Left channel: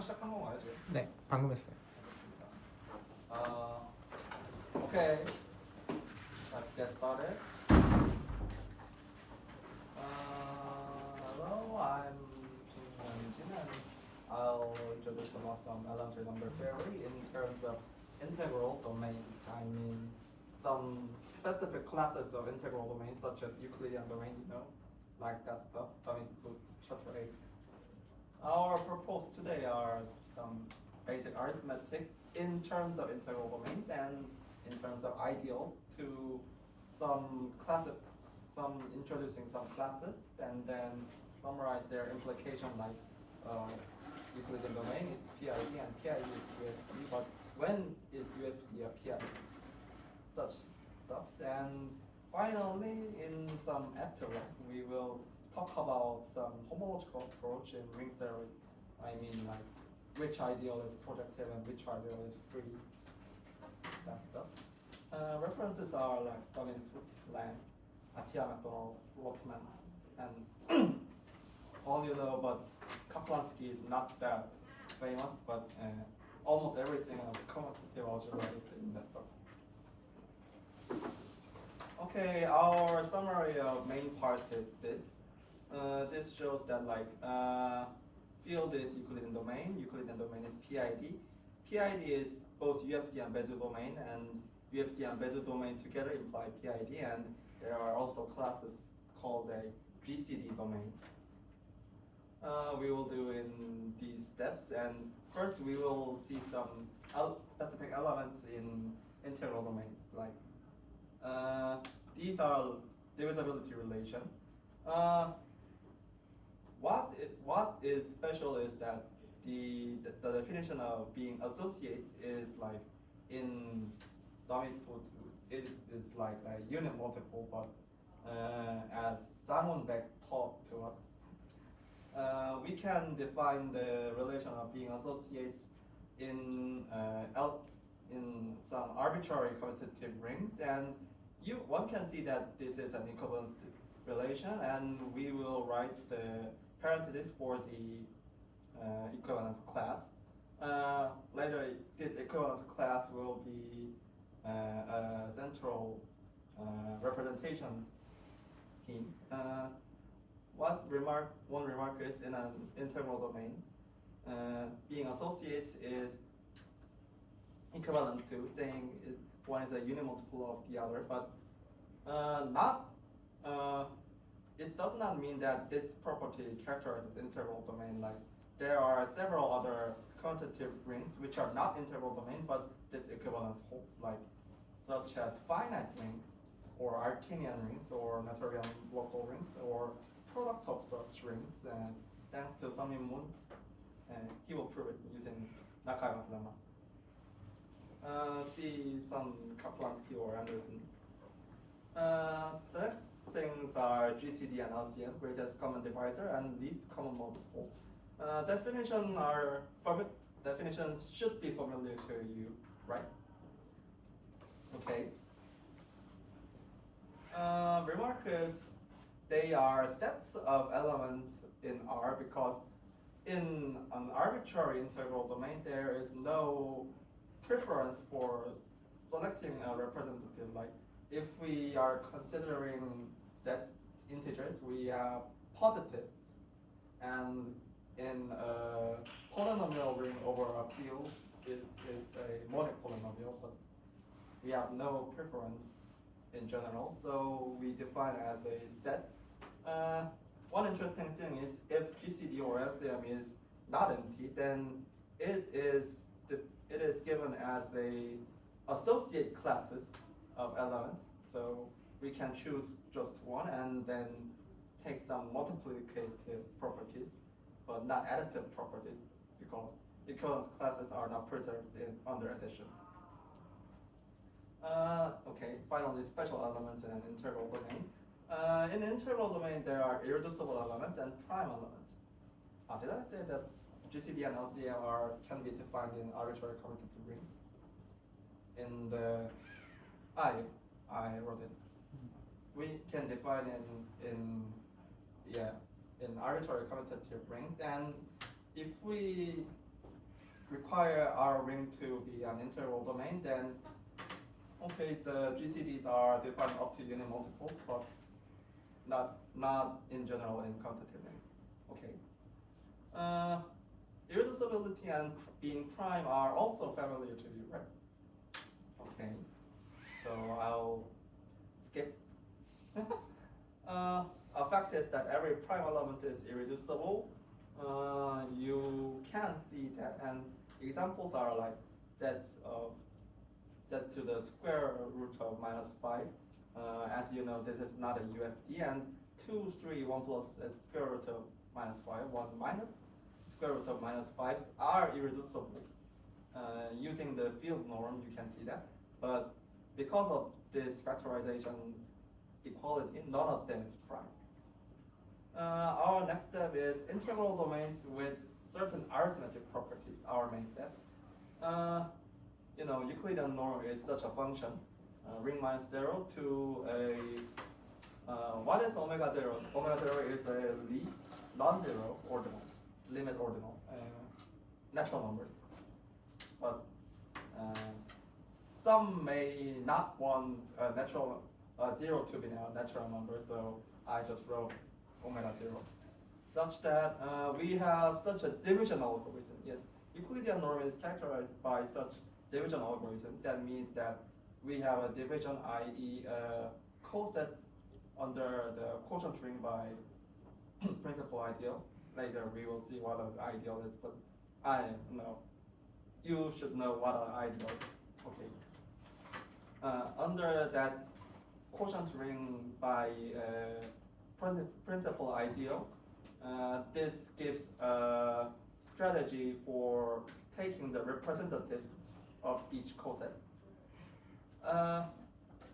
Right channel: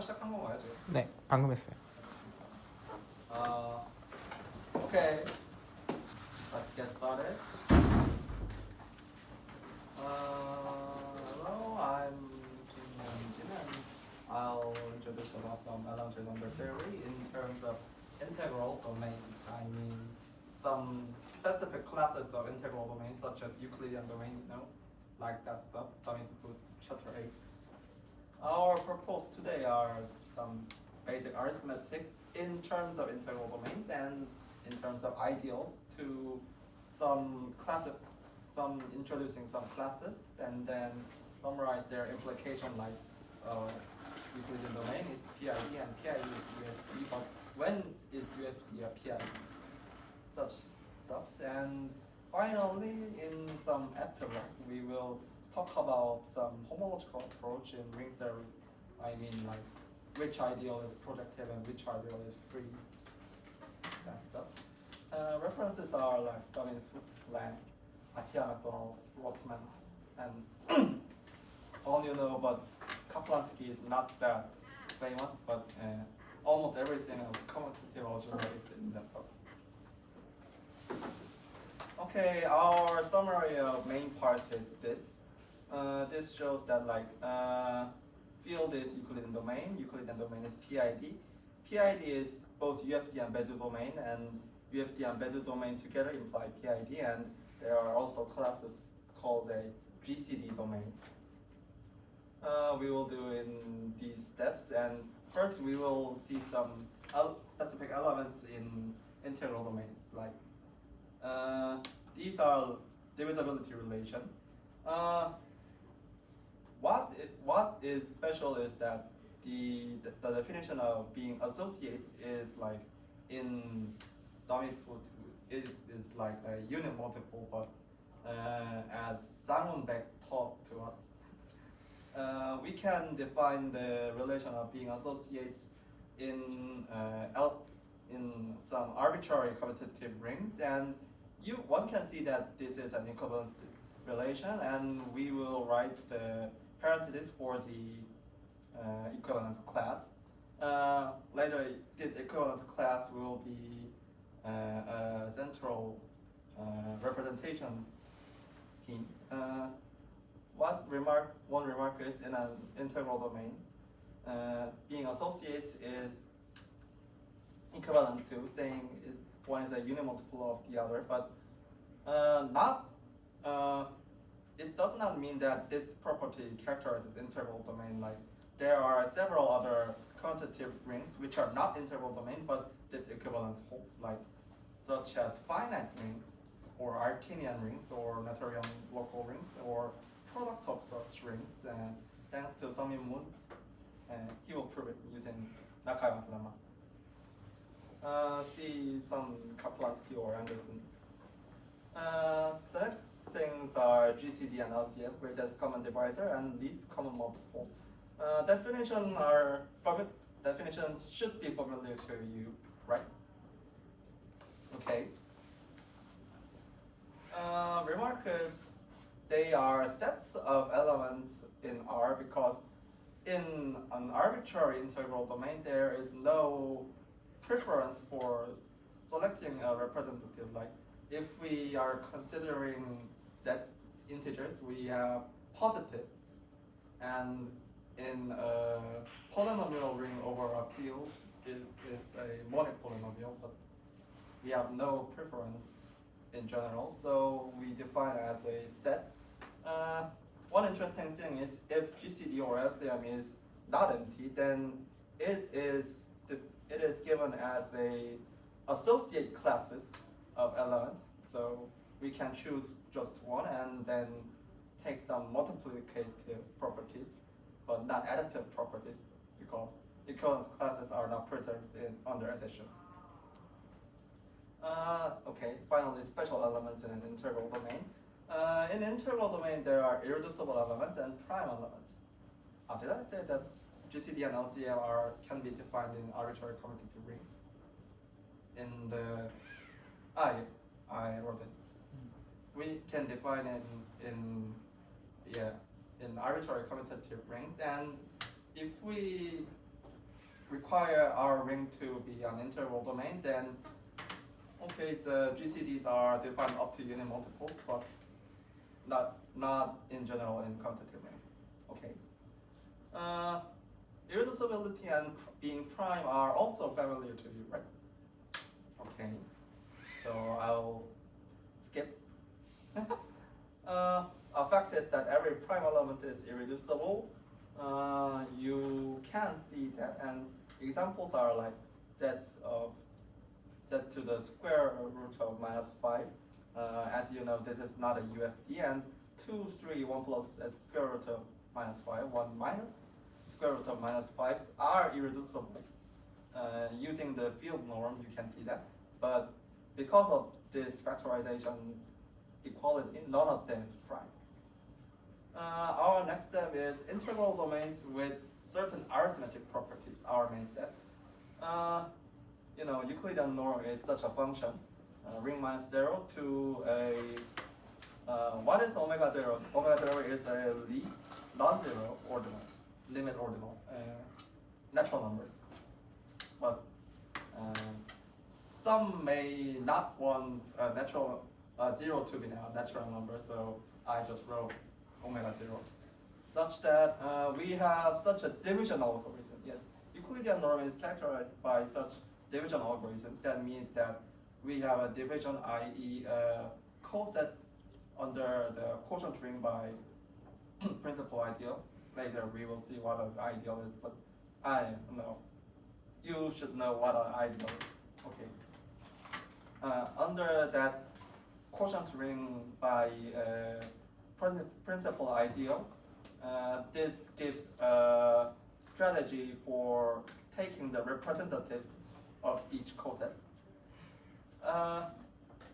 촬영 시작한 건가요 지금? 네, 방금 했어요. Okay, let's get started. Hello, I'm Kim Jin and I'll introduce about some elementary number theory in terms of integral domain. I mean some specific classes of integral domains such as Euclidean domain, you know, like that stuff, coming to chapter 8. Our purpose today are some basic arithmetics in terms of integral domains and in terms of ideals to some classes, introducing some classes and then summarize their implication like Euclidean domain is PID and PID is UFD, but when is UFD a PID? Such stuffs. And finally, in some epilogue, we will talk about some homological approach in ring theory. I mean, like which ideal is projective and which ideal is free. That stuff. References are like Donning-Foot, Lang, Atiyah, McDonald, Rotman, and all you know, but Kaplansky is not that famous, but almost everything of commutative algebra is in that book. Okay, our summary of main part is this. This shows that like field is Euclidean domain. Euclidean domain is PID. PID is both UFD and Bezier domain, and UFD and Bezier domain together imply PID. And there are also classes called a GCD domain. We will do in these steps, and first we will see some specific elements in integral domains. Like these are divisibility relation. What is special is that the definition of being associates is like in Donning-Foot it is like a unit multiple, but as Simon Beck taught to us, we can define the relation of being associates in some arbitrary commutative rings, and one can see that this is an equivalent relation, and we will write the parentheses for the equivalence class. Later, this equivalence class will be a central representation scheme. One remark is in an integral domain, being associates is equivalent to saying one is a unimultiple of the other, but it does not mean that this property characterizes integral domain. Like there are several other commutative rings which are not integral domain, but this equivalence holds, like such as finite rings, or Artinian rings, or Noetherian local rings, or product of such rings. And thanks to Sung-Min Moon, he will prove it using Nakayama's lemma. See some Kaplansky or Anderson. The next things are GCD and LCM, greatest common divisor and least common multiple. Definitions should be familiar to you, right? Okay. Remark is they are sets of elements in R, because in an arbitrary integral domain there is no preference for selecting a representative. Like if we are considering Z integers, we have positives, and in a polynomial ring over a field it is a monic polynomial, but we have no preference in general, so we define it as a set. One interesting thing is if GCD or LCM is not empty, then it is given as a associate classes of elements. So we can choose just one and then take some multiplicative properties, but not additive properties, because equivalence classes are not preserved under addition. Okay, finally, special elements in an integral domain. In integral domain, there are irreducible elements and prime elements. Did I say that GCD and LCM can be defined in arbitrary commutative rings? In the I wrote it. We can define in arbitrary commutative rings, and if we require our ring to be an integral domain, then okay, the GCDs are defined up to unit multiples, but not in general in commutative rings. Okay. Irreducibility and being prime are also familiar to you, right? Okay. So I'll skip. A fact is that every prime element is irreducible. You can see that, and examples are like z to the square root of -5. As you know, this is not a UFD, and 2, 3, 1 plus square root of -5, 1 minus square root of -5 are irreducible. Using the field norm, you can see that. But because of this factorization equality, none of them is prime. Our next step is integral domains with certain arithmetic properties, our main step. Euclidean norm is such a function, ring minus 0 to a, what is omega 0? Omega 0 is a least non-zero ordinal, limit ordinal, natural numbers. But some may not want natural 0 to be a natural number, so I just wrote omega 0, such that we have such a division algorithm. Yes, Euclidean norm is characterized by such division algorithm. That means that we have a division, i.e. coset under the quotient ring by principal ideal. Later we will see what an ideal is, but I know you should know what an ideal is. Okay. Under that quotient ring by principal ideal, this gives a strategy for taking the representatives of each coset.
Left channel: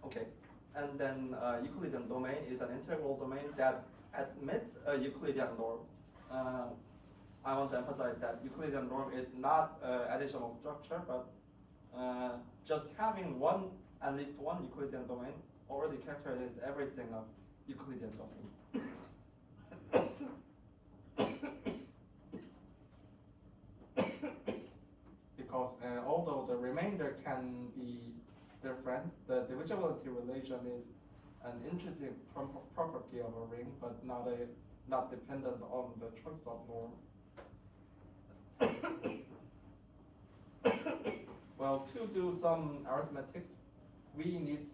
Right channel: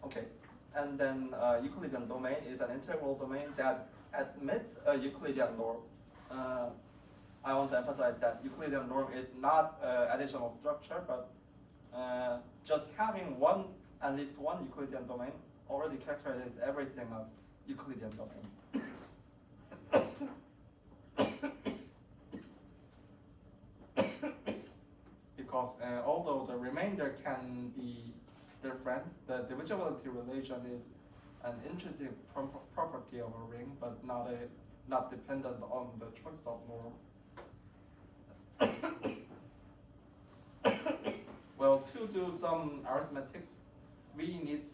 Okay, and then Euclidean domain is an integral domain that admits a Euclidean norm. I want to emphasize that Euclidean norm is not additional structure, but just having at least one Euclidean domain already characterizes everything of Euclidean domain. Because although the remainder can be different, the divisibility relation is an intrinsic property of a ring, but not dependent on the choice of norm. Well, to do some arithmetics, we need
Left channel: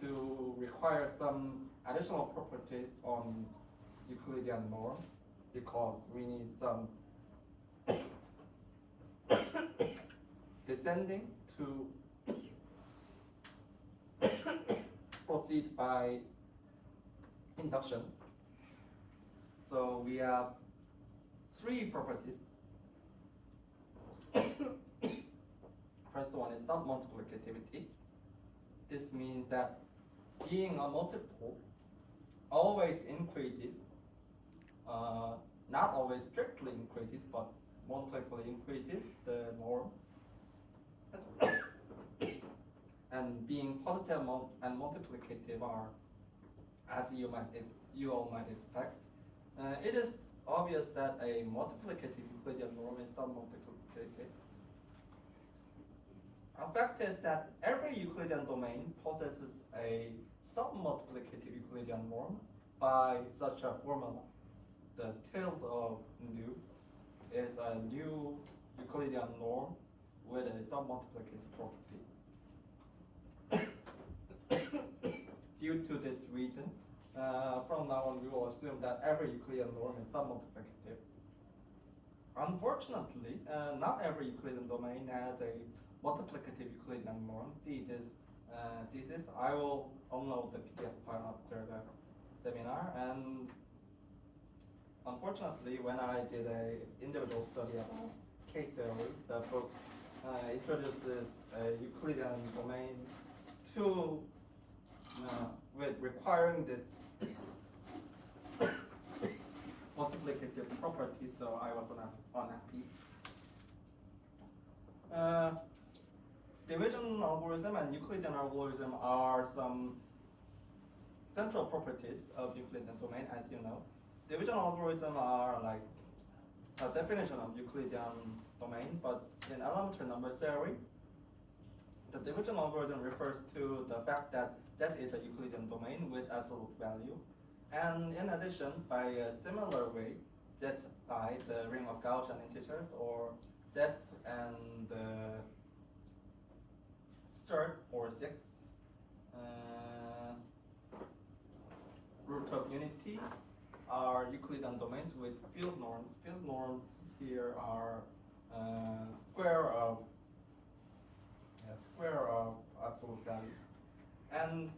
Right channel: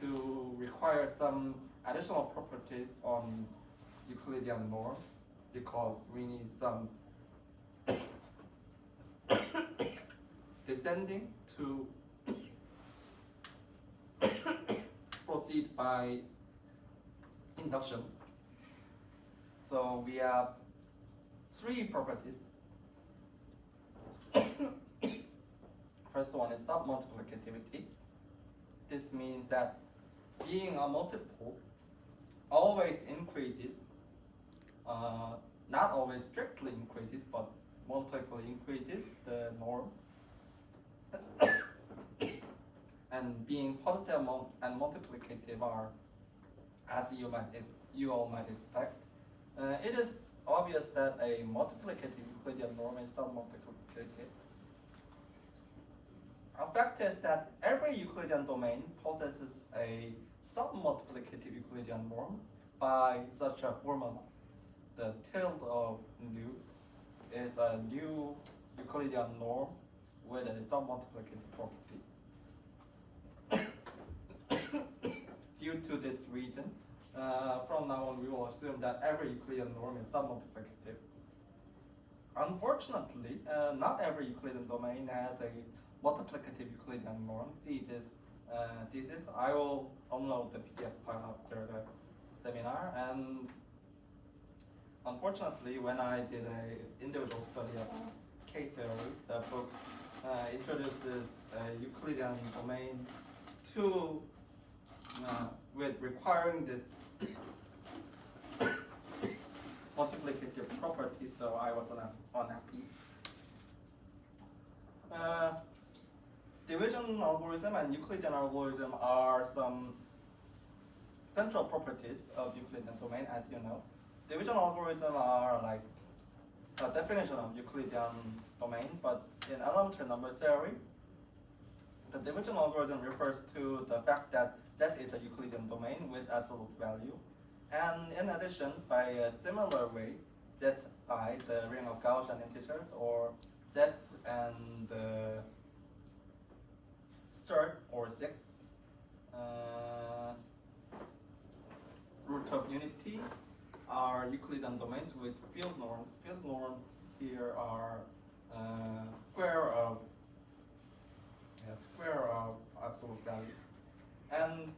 to require some additional properties on Euclidean norm, because we need some descending to proceed by induction. So we have 3 properties. First one is submultiplicativity. This means that being a multiple always increases, not always strictly increases, but multiply increases the norm. And being positive and multiplicative are, as you all might expect. It is obvious that a multiplicative Euclidean norm is submultiplicative. A fact is that every Euclidean domain possesses a submultiplicative Euclidean norm by such a formula. The tilde of nu is a new Euclidean norm with a submultiplicative property. Due to this reason, from now on we will assume that every Euclidean norm is submultiplicative. Unfortunately, not every Euclidean domain has a multiplicative Euclidean norm. See this thesis. I will upload the PDF file after the seminar, and unfortunately, when I did an individual study about K-theory, the book introduces a Euclidean domain to with requiring this multiplicative property, so I was unhappy. Division algorithm and Euclidean algorithm are some central properties of Euclidean domain, as you know. Division algorithm are like definition of Euclidean domain, but in elementary number theory, the division algorithm refers to the fact that Z is a Euclidean domain with absolute value. And in addition, by a similar way, Zi, the ring of Gaussian integers, or Z and the third or sixth root of unity are Euclidean domains with field norms. Field norms here are square of absolute values. And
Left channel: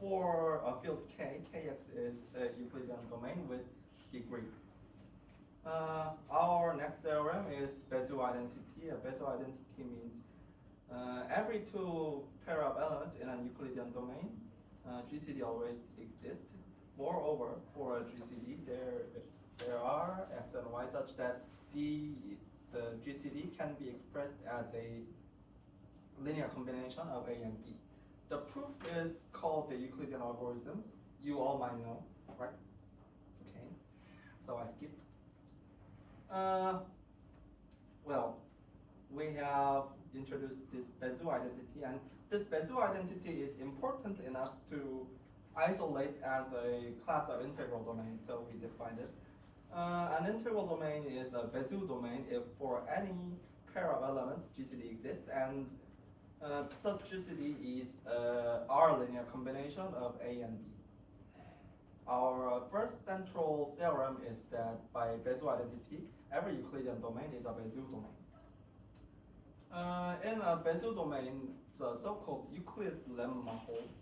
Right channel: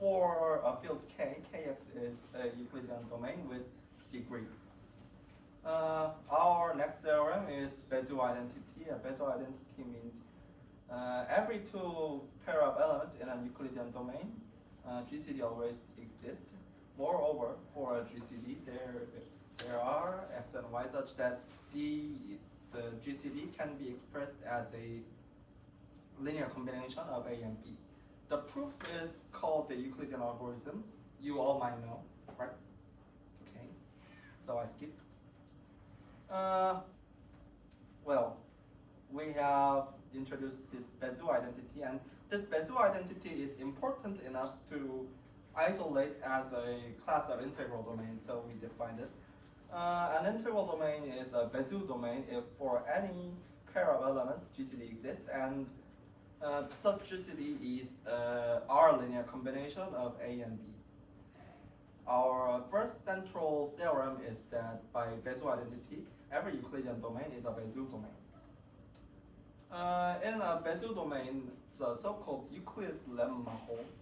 for a field K, Kx is a Euclidean domain with degree. Our next theorem is Bezier identity. A Bezier identity means every two pair of elements in a Euclidean domain, GCD always exists. Moreover, for a GCD, there are x and y such that the GCD can be expressed as a linear combination of A and B. The proof is called the Euclidean algorithm. You all might know, right? Okay, so I skip. Well, we have introduced this Bezier identity, and this Bezier identity is important enough to isolate as a class of integral domain, so we defined it. An integral domain is a Bezier domain if for any pair of elements GCD exists, and such GCD is R linear combination of A and B. Our first central theorem is that by Bezier identity, every Euclidean domain is a Bezier domain. In a Bezier domain, the so-called Euclid's lemma holds,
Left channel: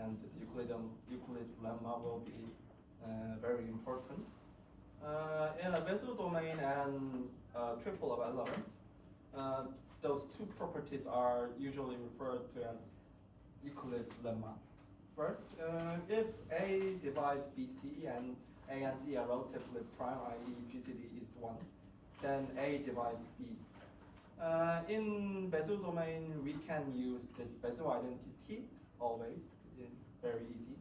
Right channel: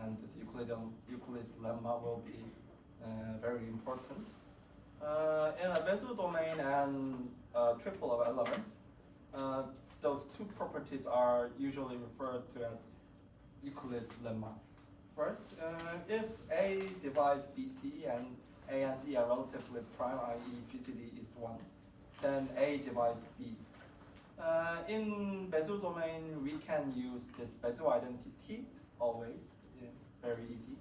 and this Euclid's lemma will be very important. In a Bezier domain and a triple of elements, those two properties are usually referred to as Euclid's lemma. First, if A divides BC and A and C are relatively prime, i.e. GCD is 1, then A divides B. In Bezier domain, we can use this Bezier identity always, very easy.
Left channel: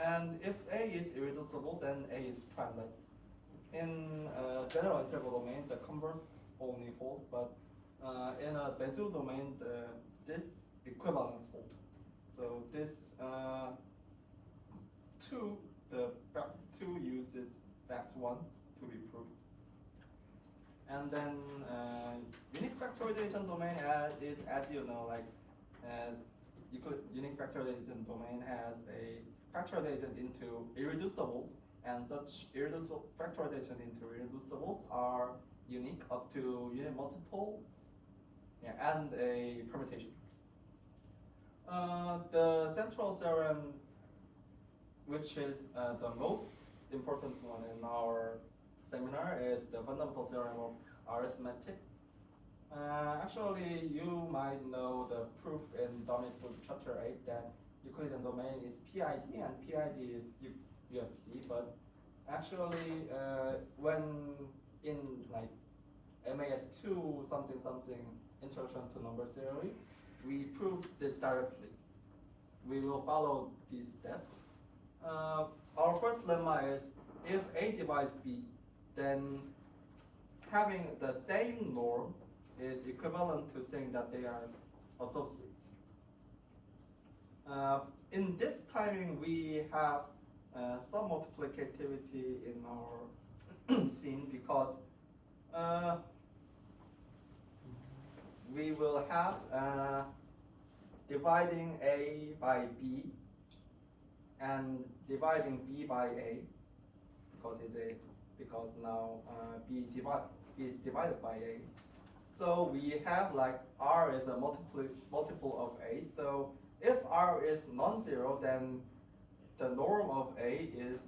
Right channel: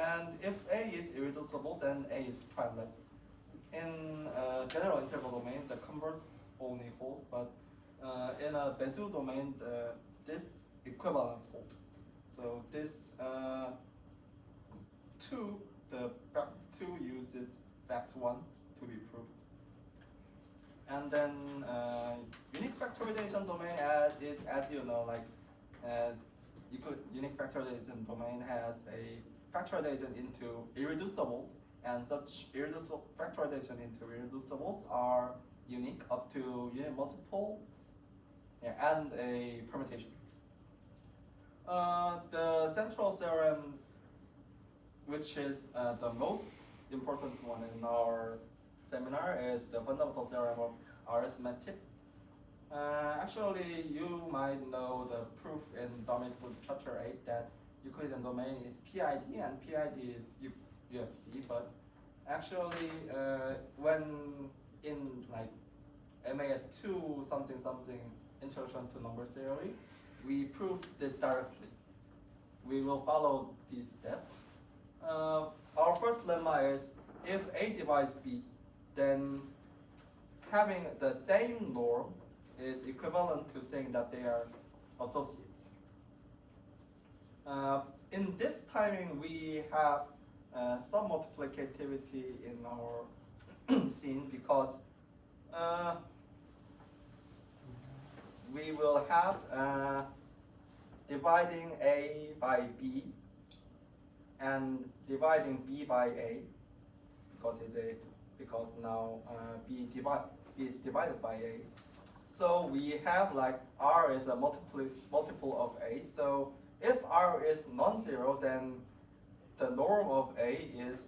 And if A is irreducible, then A is primeless. In general integral domain, the converse only holds, but in a Bezier domain, this equivalence holds. So this the fact 2 uses fact 1 to be proved. And then unique factorization domain is, as you know, like unique factorization domain has a factorization into irreducibles, and such irreducible factorization into irreducibles are unique up to unit multiple and a permutation. The central theorem, which is the most important one in our seminar, is the fundamental theorem of arithmetic. Actually, you might know the proof in Domit's chapter 8 that Euclidean domain is PID and PID is UFD, but actually when in like MAS2 something introduction to number theory, we proved this directly. We will follow these steps. Our first lemma is if A divides B, then having the same norm is equivalent to saying that they are associates. In this timing, we have some multiplicativity in our scene because we will have dividing A by B and dividing B by A because now B is divided by A. So we have like R is a multiple of A. So if R is non-zero, then the norm of A is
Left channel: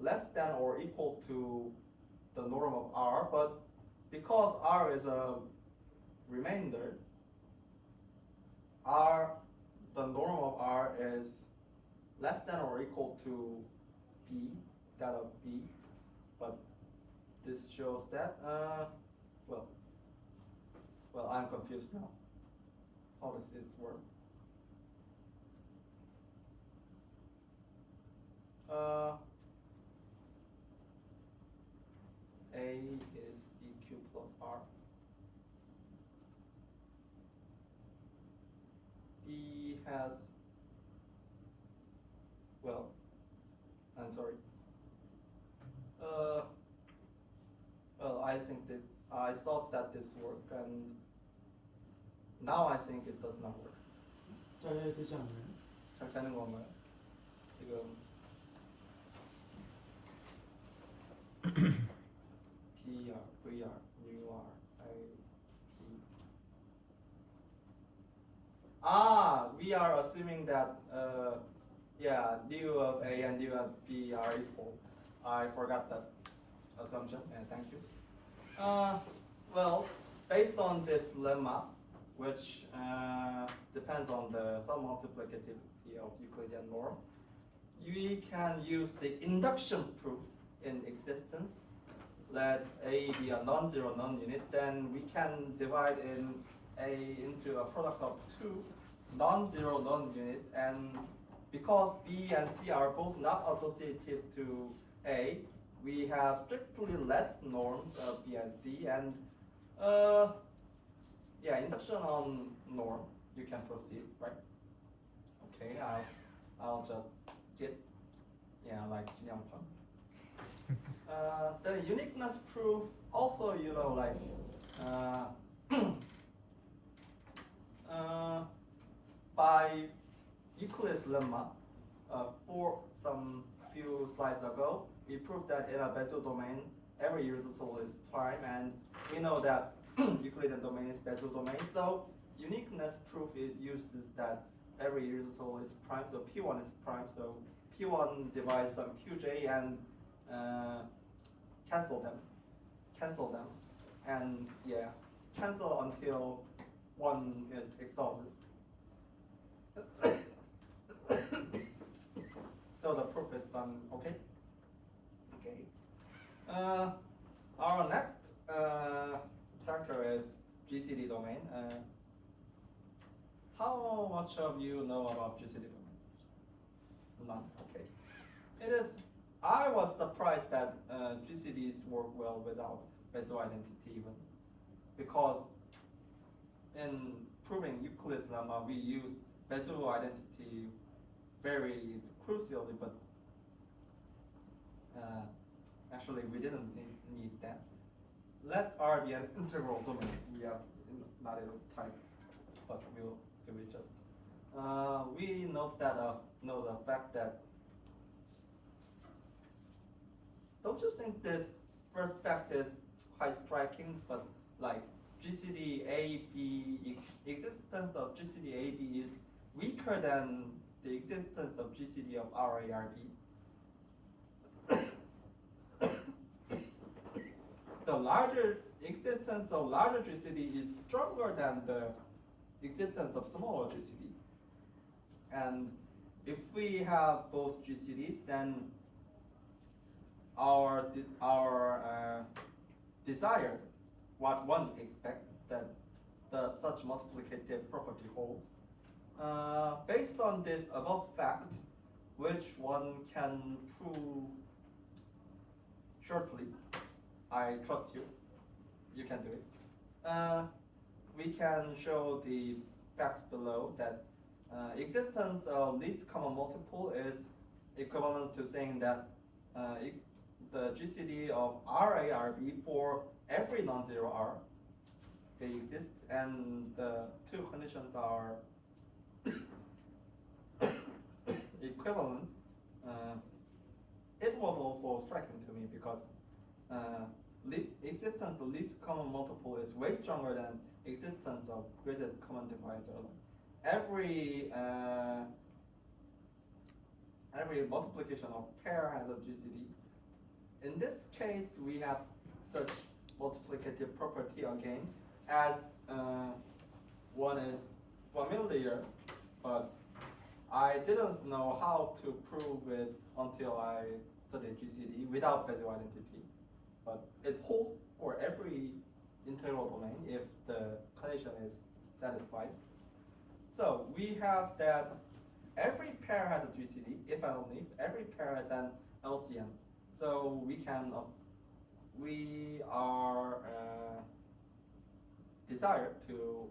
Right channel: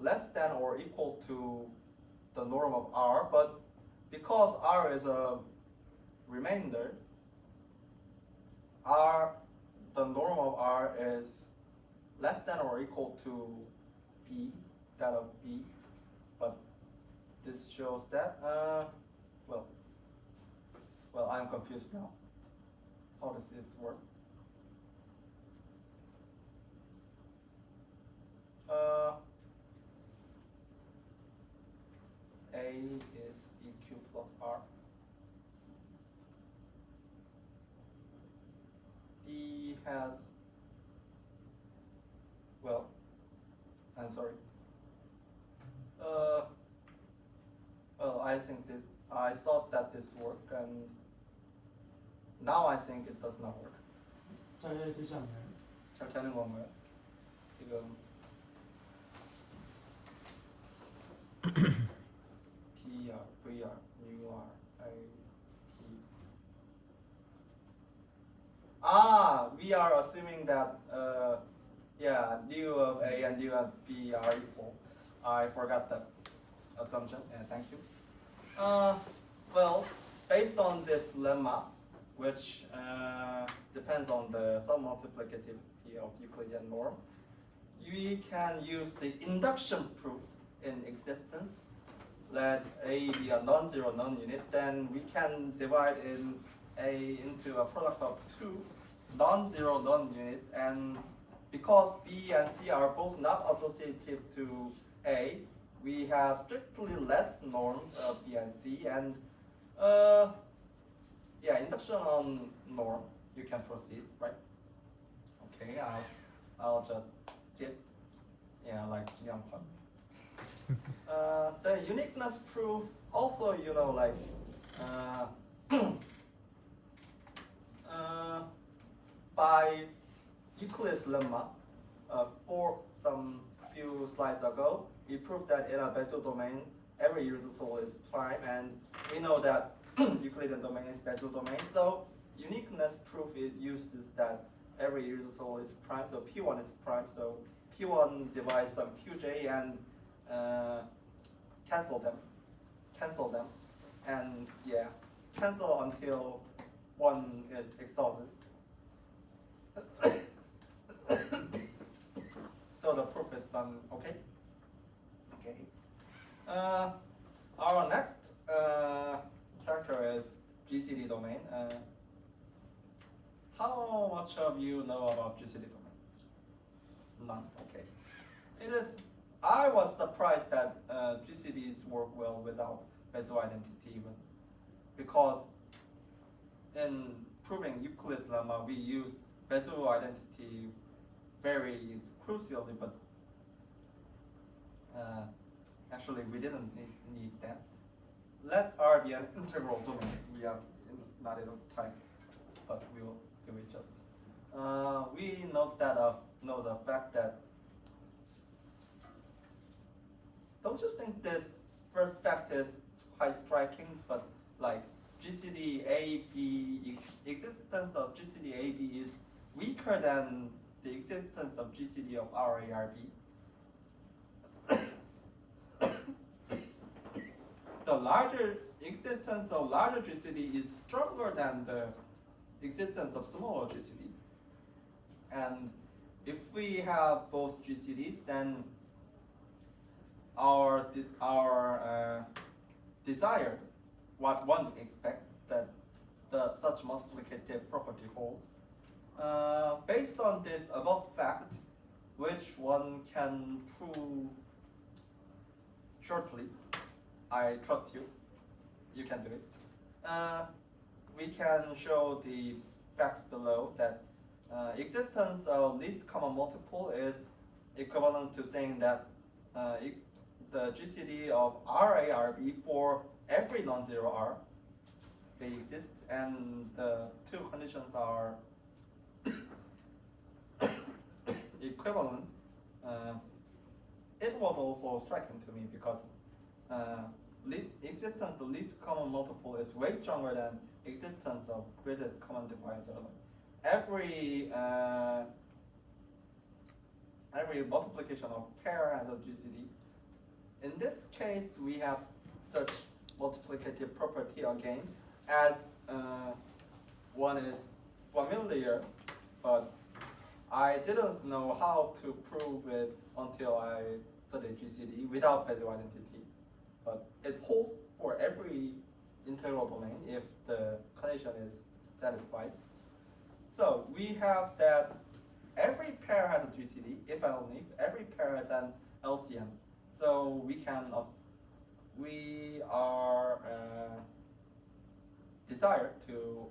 less than or equal to the norm of R. But because R is a remainder, the norm of R is less than or equal to B, that of B. But this shows that well, I'm confused now. How does it work? A A is BQ plus R. B has, well, I'm sorry. Well, I thought that this worked, and now I think it does not work. 잘 되지 않나요? 잘 되는 건가요? 지금 PR, VR, UR, IP. We are assuming that yeah, du of A and du of B are equal. I forgot that assumption, and thank you. Well, based on this lemma, which depends on the submultiplicativity of Euclidean norm, we can use the induction proof in existence. Let A be a non-zero non-unit, then we can divide in A into a product of two non-zero non-unit, and because B and C are both not associative to A, we have strictly less norms of B and C, and yeah, induction on norm, you can proceed, right? Okay, I'll just skip, yeah, like Jiangpan. The uniqueness proof also, you know, like by Euclid's lemma, for some few slides ago, we proved that in a Bézier domain, every irreducible is prime, and we know that Euclidean domain is Bézier domain. So uniqueness proof it uses that every irreducible is prime, so P1 is prime. So P1 divides some Qj and cancel them, and yeah, cancel until one is exhausted. So the proof is done. Okay. Our next character is GCD domain. How much of you know about GCD domain? None. Okay. It is. I was surprised that GCDs work well without Bézier identity even, because in proving Euclid's lemma we used Bézier identity very crucially, but actually we didn't need that. Let R be an integral domain. We have not enough time, but we'll do it just. We note that know the fact that. Don't you think this first fact is quite striking? But like GCD AB, existence of GCD AB is weaker than the existence of GCD of RARB. The larger existence of larger GCD is stronger than the existence of smaller GCD. And if we have both GCDs, then our desired, what one expects, that such multiplicative property holds. Based on this above fact, which one can prove shortly, I trust you. You can do it. We can show the fact below that existence of least common multiple is equivalent to saying that the GCD of RARB for every non-zero R they exist, and the two conditions are equivalent. It was also striking to me because existence of least common multiple is way stronger than existence of greatest common divisor. Every multiplication of pair has a GCD. In this case, we have such multiplicative property again, as one is familiar, but I didn't know how to prove it until I studied GCD without Bézier identity. But it holds for every integral domain if the condition is satisfied. So we have that every pair has a GCD, if and only if every pair has an LCM. So we we are desire to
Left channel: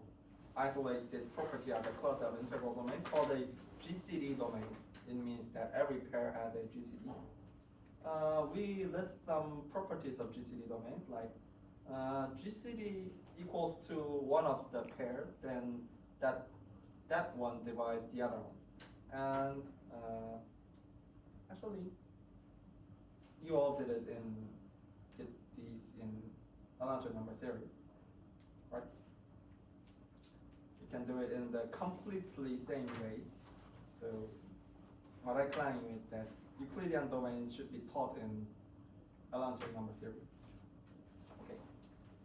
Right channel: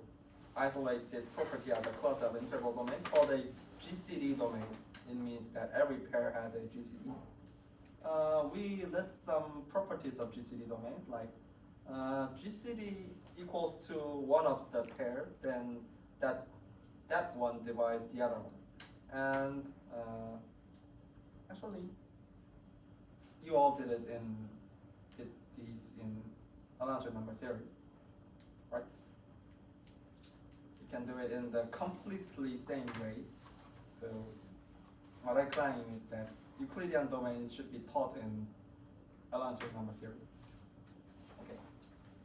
isolate this property as a class of integral domain called a GCD domain. It means that every pair has a GCD. We list some properties of GCD domains like GCD equals to one of the pair, then that one divides the other one. And actually, you all did these in Alonzo number theory, right? You can do it in the completely same way. So what I claim is that Euclidean domain should be taught in Alonzo number theory. Okay.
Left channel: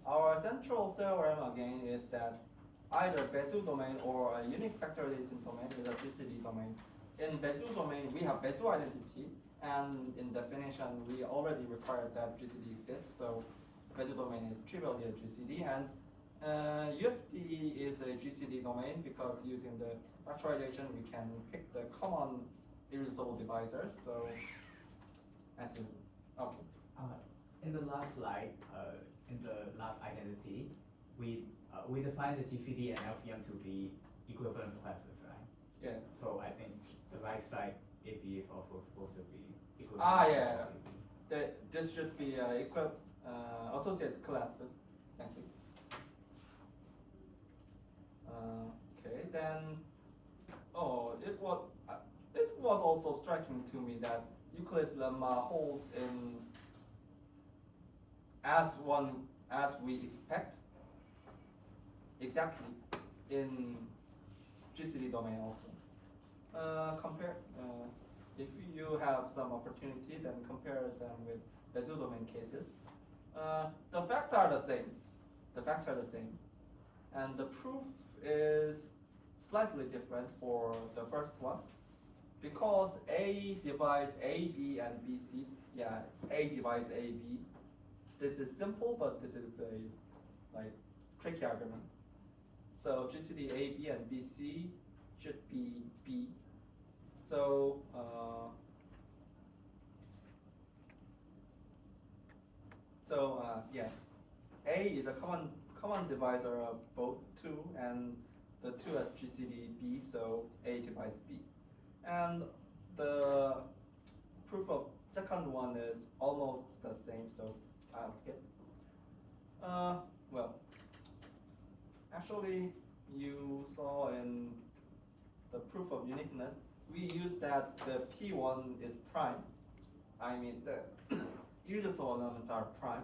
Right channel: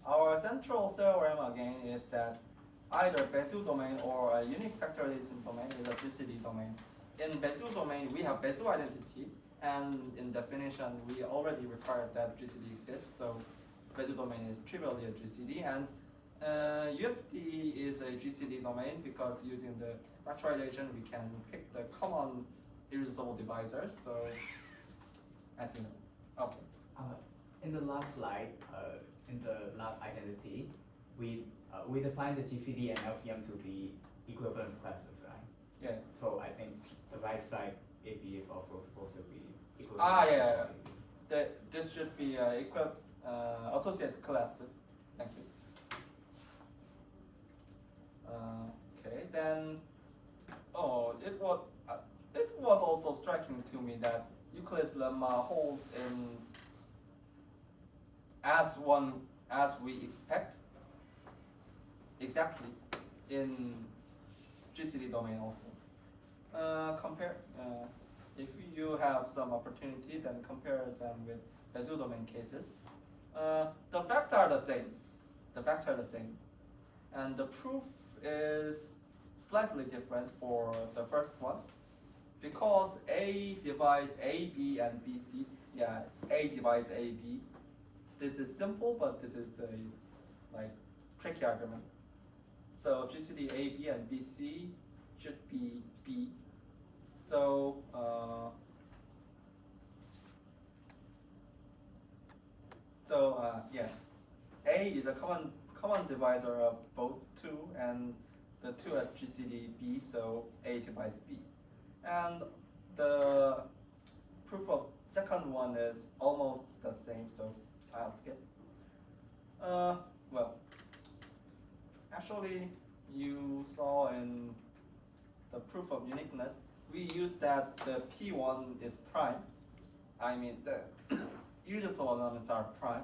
Our central theorem again is that either Bezier domain or a unique factorization domain is a GCD domain. In Bezier domain, we have Bezier identity, and in definition, we already required that GCD exists. So Bezier domain is trivially a GCD, and UFD is a GCD domain because using the factorization, we can pick the common irreducible divisors. So as you know, okay. In the last slide, in the last identity, we define the GCD and LCM to be equivalence classes, right? Yeah. So I think the right side AB is also supposed to be equivalence. Yeah. This should be associated classes. Thank you. Okay, then. Oh, it was also striking to me that Euclid's lemma holds in as we expect exactly in GCD domain also. If you have some opportunity, then compare them with Bezier domain cases. The facts are the same. And the proof is slightly different for the first one. Because A divides AB and BC, yeah, A divides AB. This is simple, but this is a tricky argument. So GCD AB and BC should be B. So yeah, A is a common divisor of both 2, and the 2 at GCD B, so A divides B. And the proof of second one is almost the same, so I'll skip. Well, actually, you saw in the proof of uniqueness, we use that the P1 is prime. I mean, the irreducible elements are prime.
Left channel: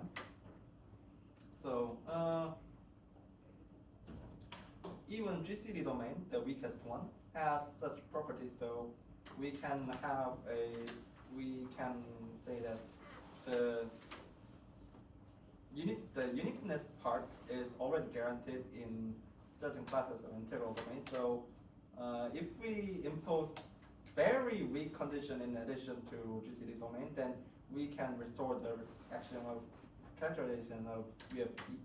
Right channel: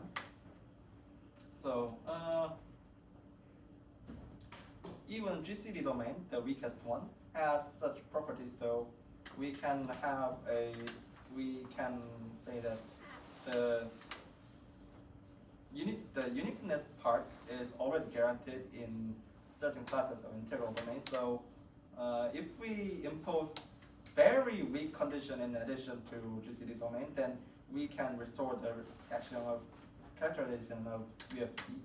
So, even GCD domain, the weakest one, has such properties. So we can say that the uniqueness part is already guaranteed in certain classes of integral domain. So if we impose very weak condition in addition to GCD domain, then we can restore the action of characterization of UFD,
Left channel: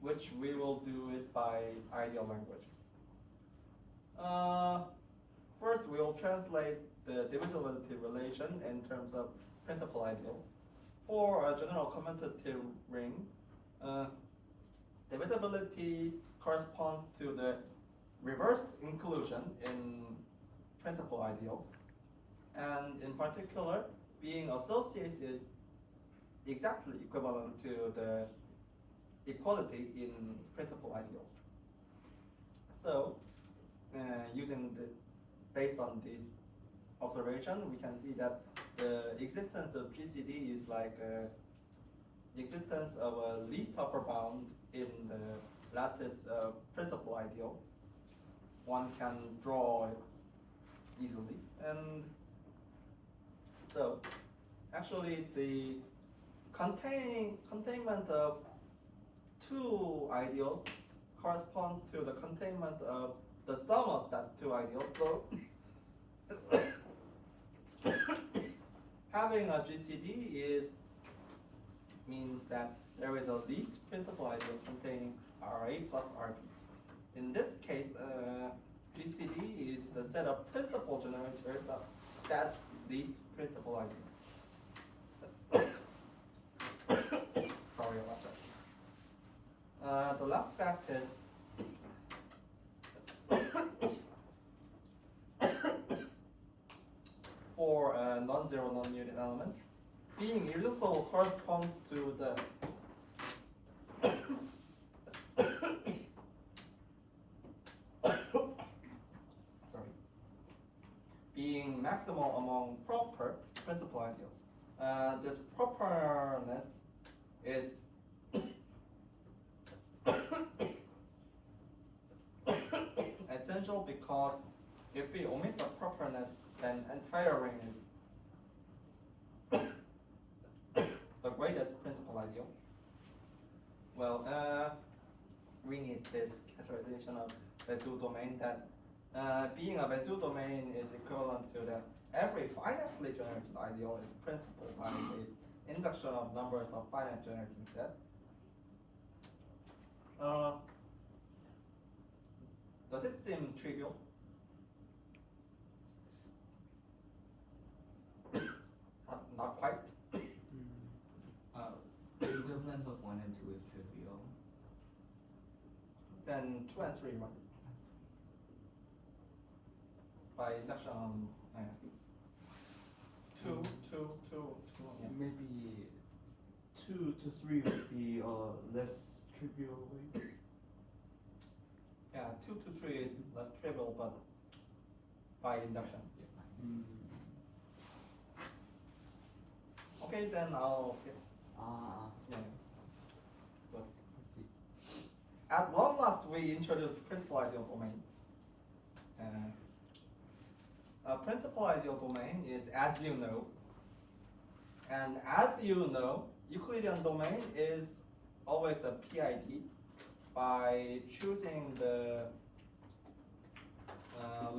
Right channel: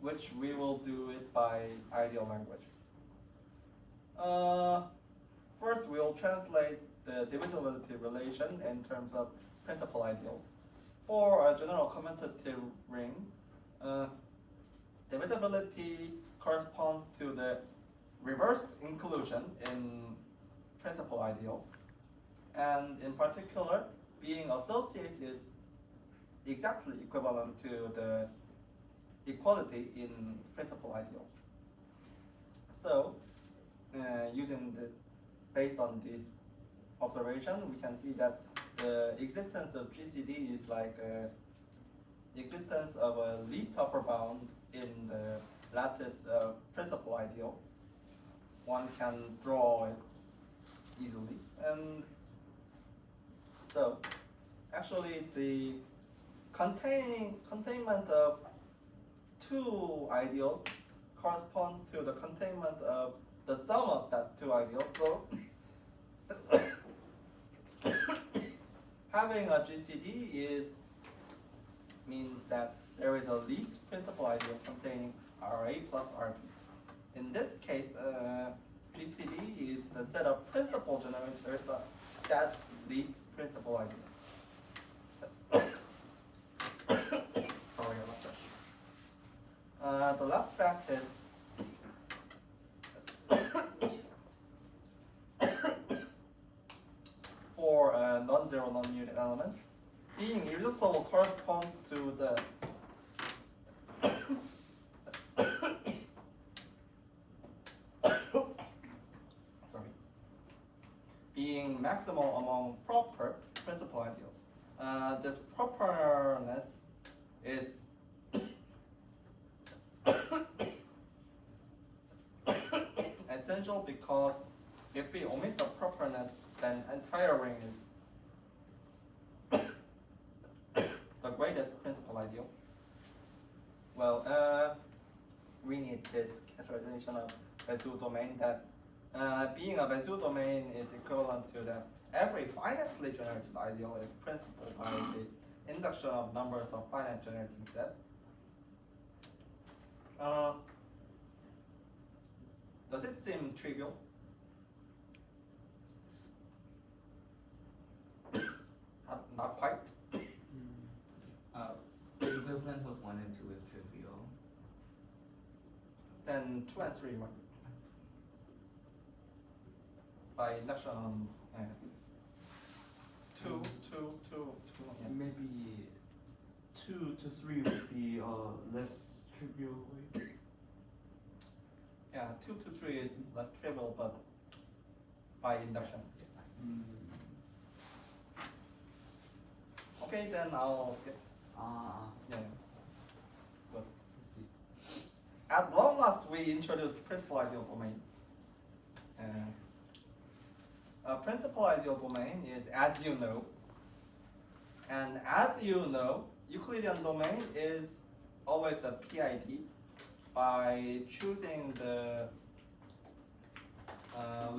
which we will do it by ideal language. First, we'll translate the divisibility relation in terms of principal ideals. For a general commutative ring, divisibility corresponds to the reversed inclusion in principal ideals, and in particular, being associated is exactly equivalent to the equality in principal ideals. So, based on this observation, we can see that the existence of GCD is like existence of a least upper bound in the lattice of principal ideals. One can draw it easily, and so actually the containment of two ideals corresponds to the containment of the sum of that two ideals. So having a GCD means that there is a least principal ideal containing RA plus RB. In this case, GCD is the set of principal generators of that least principal ideal. last fact is for a non-zero non-unit element, being irreducible corresponds to the sorry, being maximal among proper principal ideals. This properness is essential because if we omit the properness, then entire ring is the greatest principal ideal. Well, we need this categorization of Bézout domain that being a Bézout domain is equivalent to that every finitely generated ideal is principal by the induction of numbers of finite generating set. Does it seem trivial? Not quite. The equivalence of 1 and 2 is trivial. Then 2 and 3 might. By induction on 2, yeah. Maybe 2 to 3 would be a less trivial way. Yeah, 2 to 3 is less trivial, but by induction. Okay, then I'll skip. Yeah. Good. Let's see. At long last, we introduced principal ideal domain. A principal ideal domain is as you know, and as you know, Euclidean domain is always a PID by choosing the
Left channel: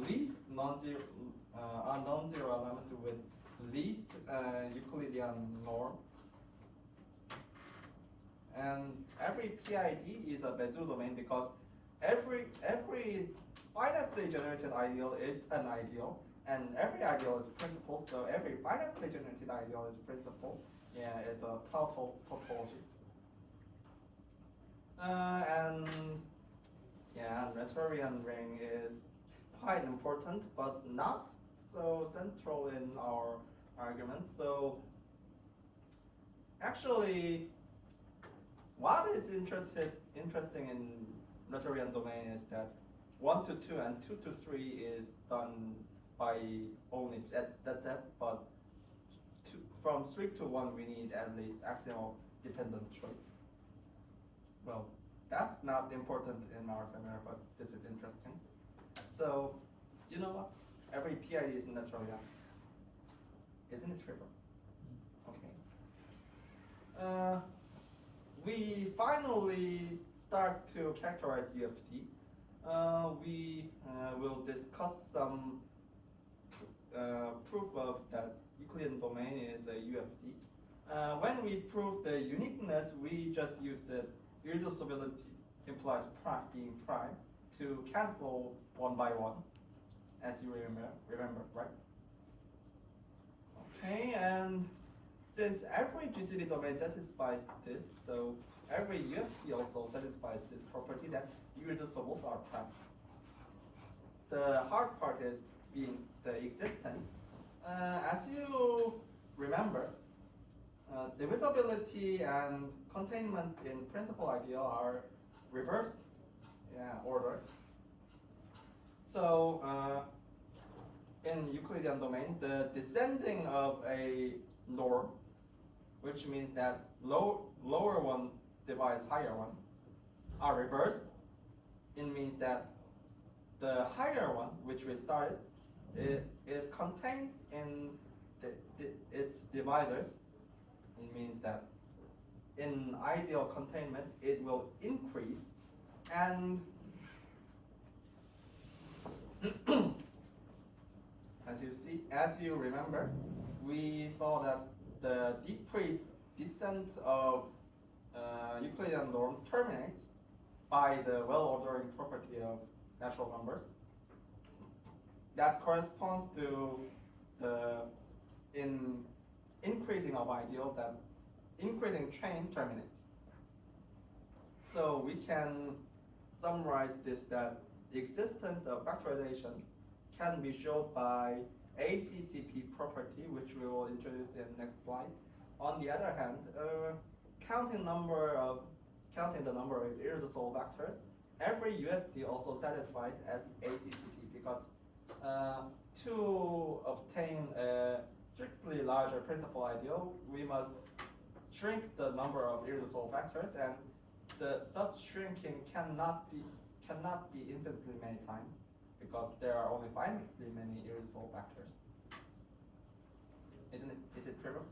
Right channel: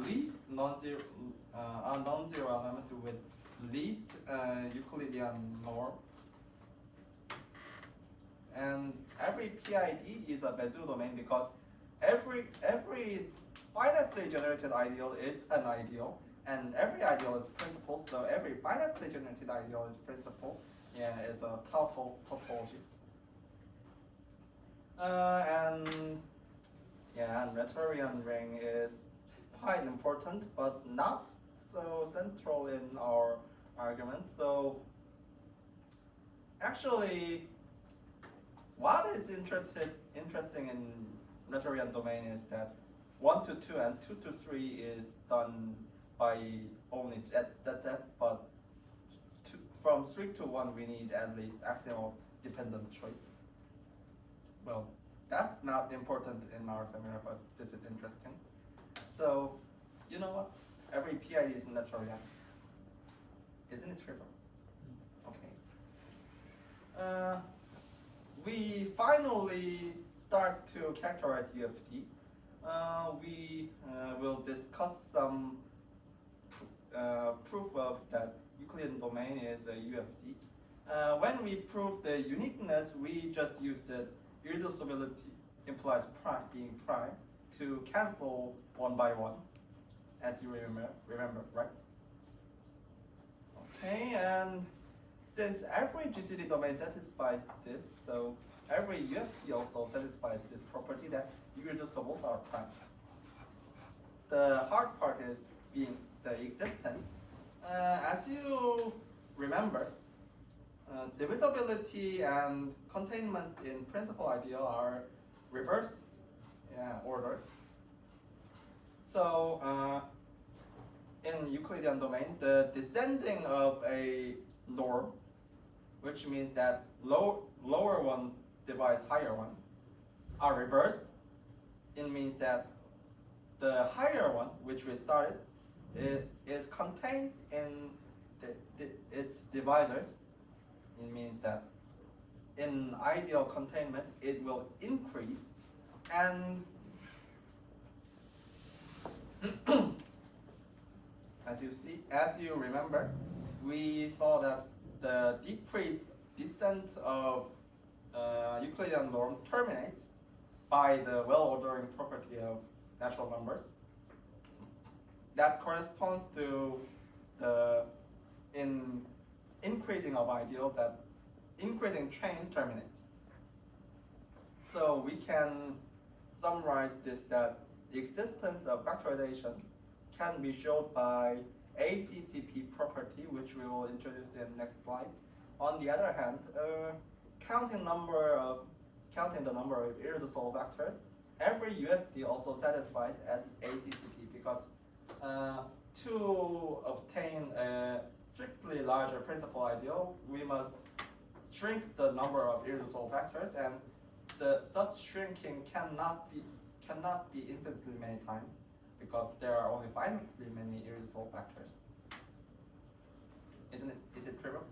least non-zero element with least Euclidean norm. And every PID is a Bézout domain because every finitely generated ideal is an ideal, and every ideal is principal. So every finitely generated ideal is principal. Yeah, it's a tautology. And Rhetorian ring is quite important, but not so central in our argument. So actually, what is interesting in Rhetorian domain is that 1 to 2 and 2 to 3 is done by only at that depth, but from 3 to 1 we need at least axial dependent choice. Well, that's not important in our seminar, but this is interesting. So, you know what? Every PID is Rhetorian. Isn't it trivial? Okay. We finally start to characterize UFD. We will discuss some proof of that Euclidean domain is a UFD. When we prove the uniqueness, we just use the irreducibility implies prime being prime to cancel one by one, as you remember, right? Okay, and since every GCD domain satisfies this, so every UFD also satisfies this property that irreducibles are prime. The hard part is being the existence. As you remember, divisibility and containment in principal ideal are reversed order. So in Euclidean domain, the descending of a norm, which means that lower one divides higher one, are reversed. It means that the higher one, which we started, is contained in its divisors. It means that in ideal containment, it will increase, and as you remember, we saw that the decreased descent of Euclidean norm terminates by the well-ordering property of natural numbers. That corresponds to the increasing of ideal that increasing chain terminates. So So we can summarize this that the existence of factorization can be shown by ACCP property, which we will introduce in next slide. On the other hand, counting the number of irreducible vectors, every UFD also satisfies as ACCP because to obtain a strictly larger principal ideal, we must shrink the number of irreducible vectors, and such shrinking cannot be infinitely many times because there are only finitely many irreducible vectors. Is it trivial?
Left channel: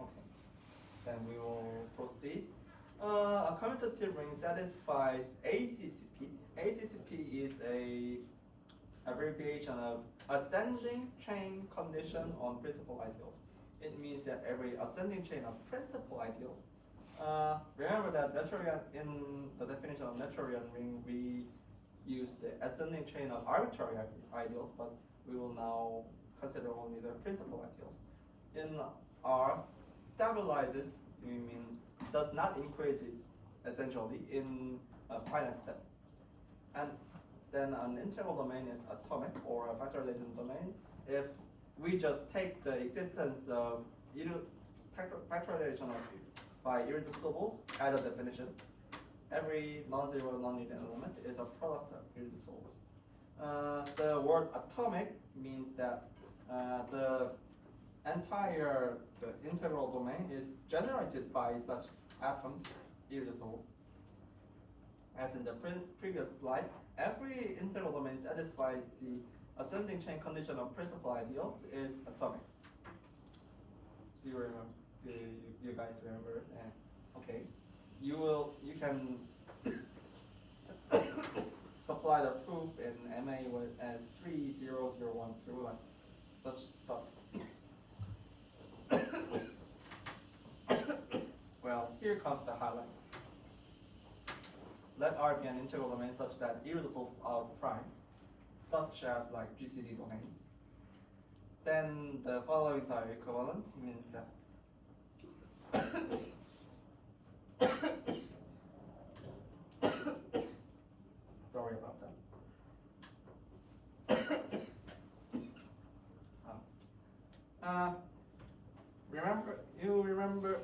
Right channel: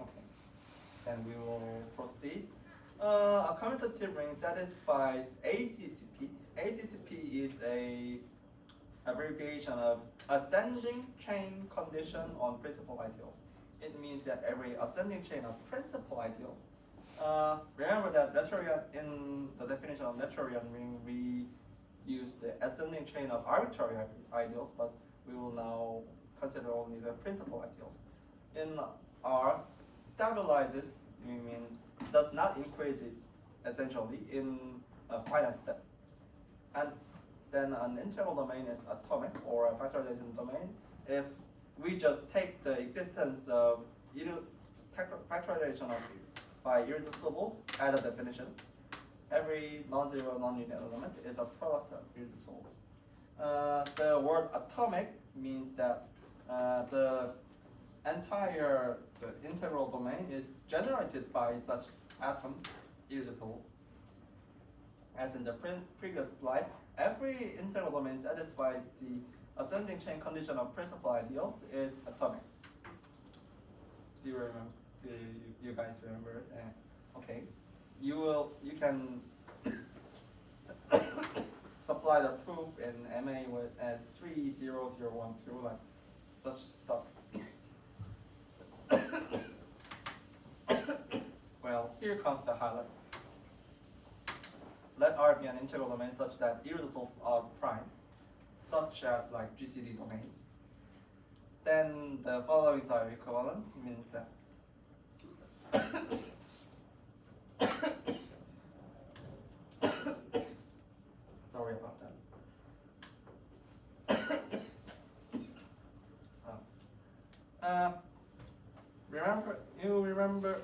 Okay, then we will proceed. A commutative ring satisfies ACCP. ACCP is a abbreviation of ascending chain condition on principal ideals. It means that every ascending chain of principal ideals. Remember that in the definition of Noetherian ring, we use the ascending chain of arbitrary ideals, but we will now consider only the principal ideals. In R, stabilizes, we mean does not increase it essentially in a finite step. And then an integral domain is atomic or a factorization domain if we just take the existence of factorization by irreducibles as a definition. Every non-zero non-linear element is a product of irreducibles. The word atomic means that the integral domain is generated by such atoms, irreducibles. As in the previous slide, every integral domain satisfies the ascending chain condition of principal ideals is atomic. Do you remember? Do you guys remember? Okay, you can supply the proof in MA with as 30012, like such stuff. Well, here comes the highlight. Let R be an integral domain such that irreducibles are prime, such as like GCD domains. Then the following are equivalent, means that sorry about that.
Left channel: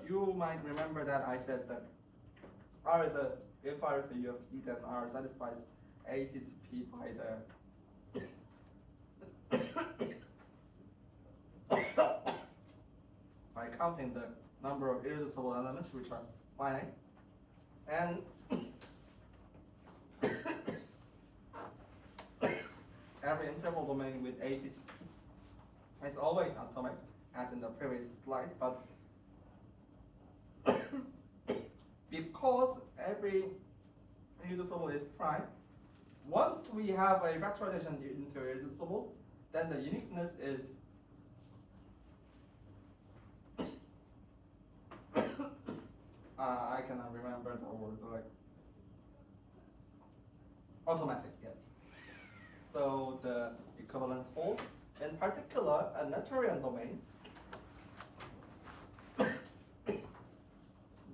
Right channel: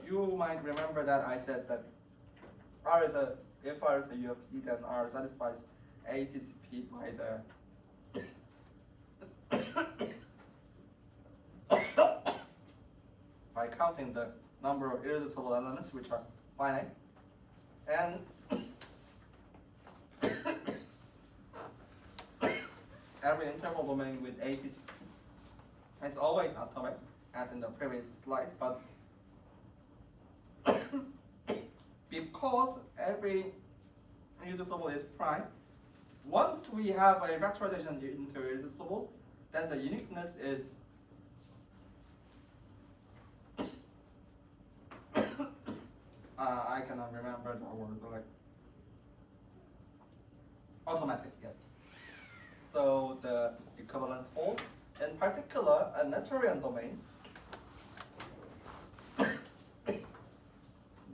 You might remember that I said that if R is a UFD, then R satisfies ACCP by counting the number of irreducible elements which are finite, and every integral domain with ACCP is always atomic, as in the previous slide, but because every irreducible is prime, once we have a factorization into irreducibles, then the uniqueness is I cannot remember the word, like automatic, yes. So the equivalence holds. In particular, a Noetherian domain,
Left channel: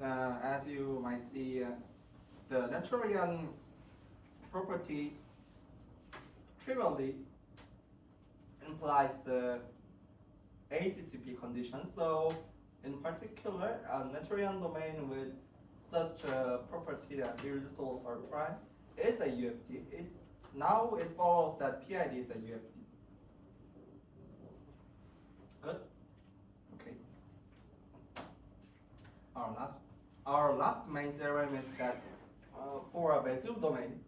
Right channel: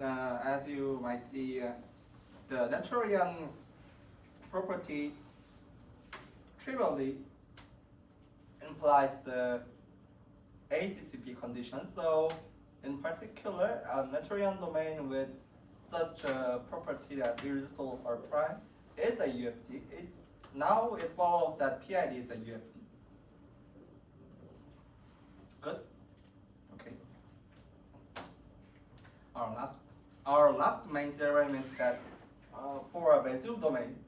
as you might see, the Noetherian property trivially implies the ACCP condition. So in particular, a Noetherian domain with such a property that irreducibles are prime is a UFD. Now it follows that PID is a UFD. Good? Okay. Our last main theorem is that for a Bezier domain,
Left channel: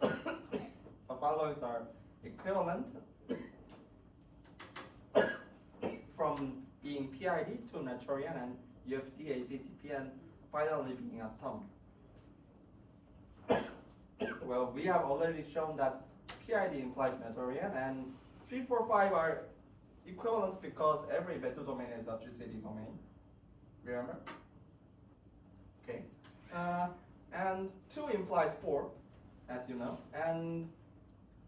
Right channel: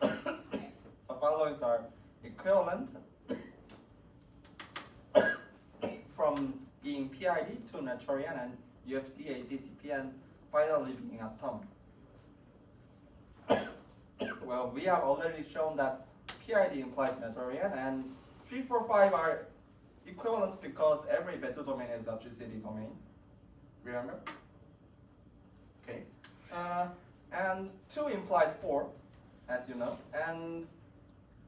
the following are equivalent from being PID to Noetherian and UFD, ACCP, and finally being atomic. Well, we have already shown that PID implies Noetherian, and 3, 4, 5 are equivalent because every Bezier domain is a GCD domain. Remember? Okay. And 2 implies 4, as you know. And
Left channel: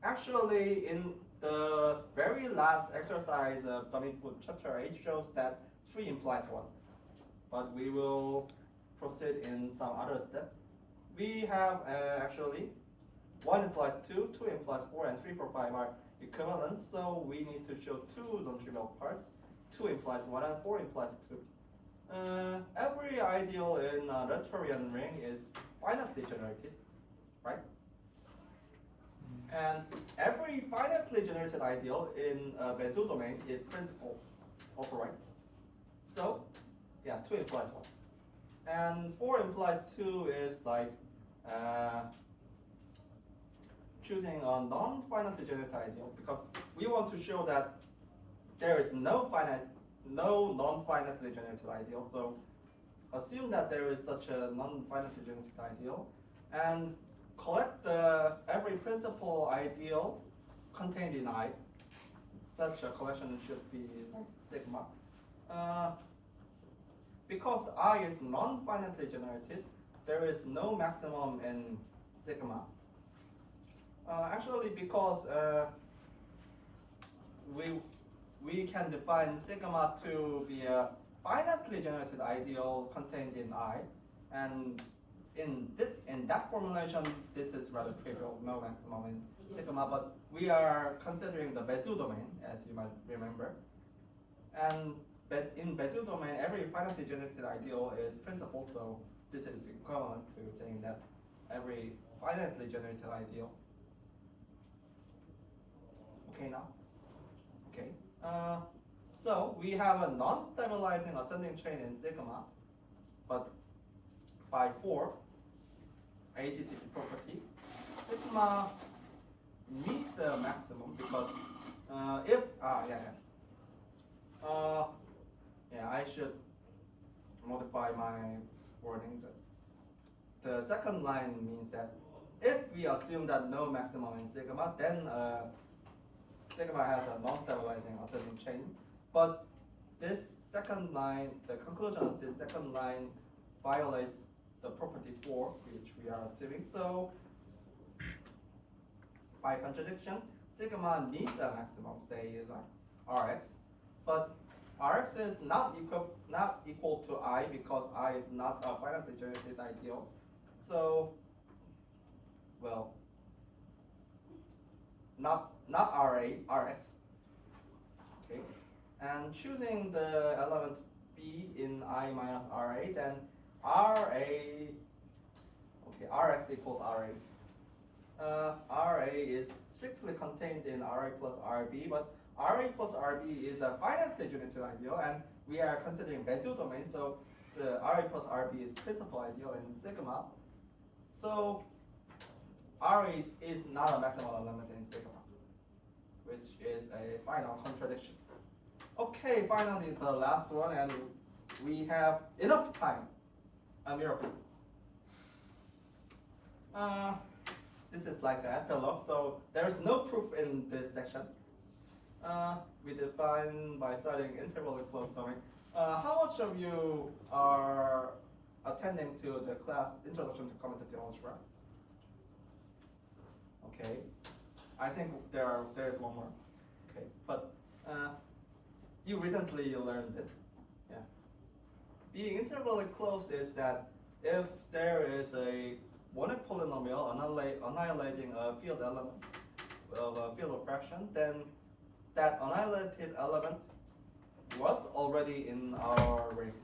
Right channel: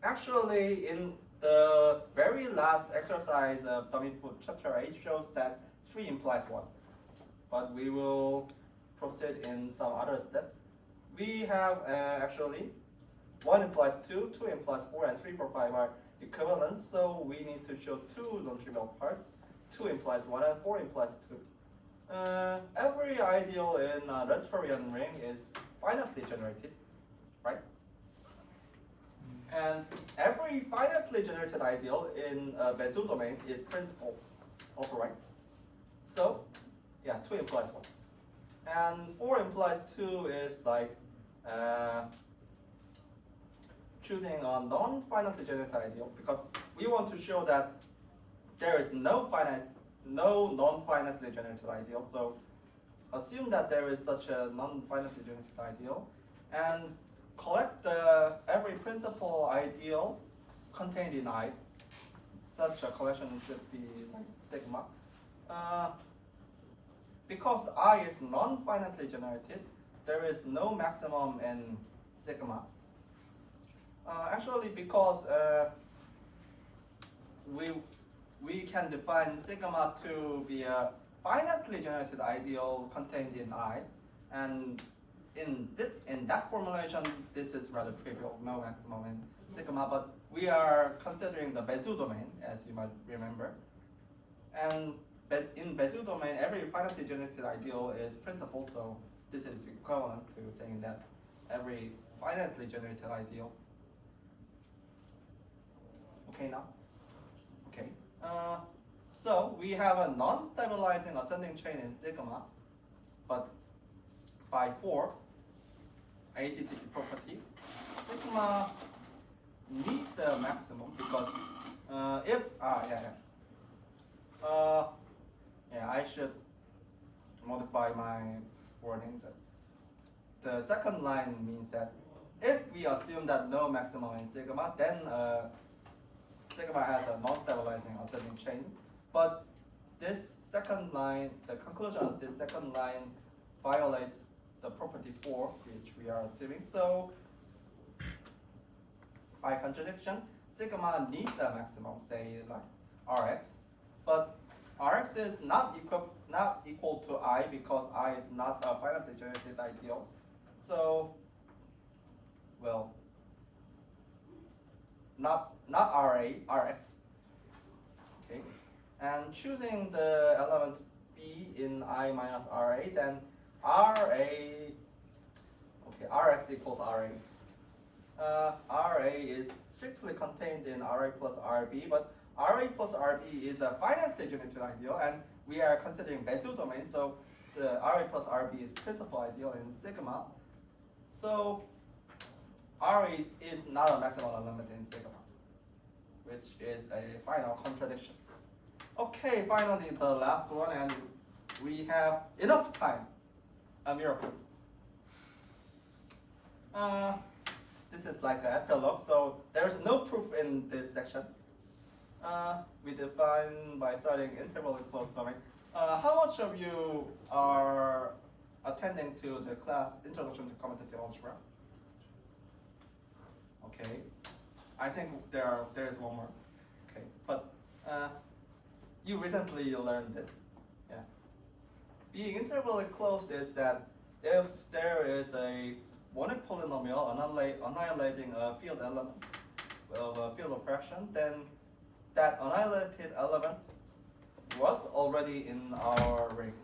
actually, in The very last exercise of Dummy Food chapter 8 shows that 3 implies 1. But we will proceed in some other step. We have actually 1 implies 2, 2 implies 4, and 3, 4, 5 are equivalent. So we need to show 2 non-trivial parts. 2 implies 1 and 4 implies 2. Every ideal in a Rhetorian ring is finitely generated, right? And every finitely generated ideal in a Bezier domain is principal, also right? So, yeah, 2 implies 1. And 4 implies 2 is like choosing a non-finitely generated ideal, because we want to show that there is no non-finitely generated ideal. So assume that there is such a non-finitely generated ideal, and collect every principal ideal contained in I. Such a collection should be like sigma. Because I is non-finitely generated, there is no maximum in sigma. Actually, because we can define sigma to be a finitely generated ideal contained in I, and in that formulation, this is rather trivial, no maximum in sigma, but we are considering the Bezier domain, as you might remember. And in Bezier domain, every finitely generated ideal is principal, so this is equivalent to saying that every finitely generated ideal. Okay now? Okay. So we have a non-stabilizing ascending chain in sigma, but by 4 ACTP property, sigma needs a maximum because I should modify my wording. The second line means that if we assume that no maximum in sigma, then sigma has a non-stabilizing ascending chain. But this second line, the conclusion of this second line violates the property 4, which we are assuming. So by contradiction, sigma needs a maximum, say like Rx, but Rx is not equal to I because I is not a finitely generated ideal. So, well, not Rx. Okay, and choosing the element B in I minus Ra, then Rx equals Ra. Ra is strictly contained in Ra plus Rb, but Ra plus Rb is a finitely generated ideal, and we are considering Bezier domain, so the Ra plus Rb is principal ideal in sigma. So Ra is not a maximal element in sigma, which is a final contradiction. Okay, finally the last one, and we have enough time. A miracle. This is like an epilogue, so there is no proof in this section. We define by studying intervally closed domain. How much of you are attending to the class Introduction to Commutative Algebra? Okay, I think there is one more. Okay, but you recently learned this. Yeah. Being intervally closed is that if there is a monic polynomial annihilating a field element of a field of fraction, then that annihilated element was already in our ring.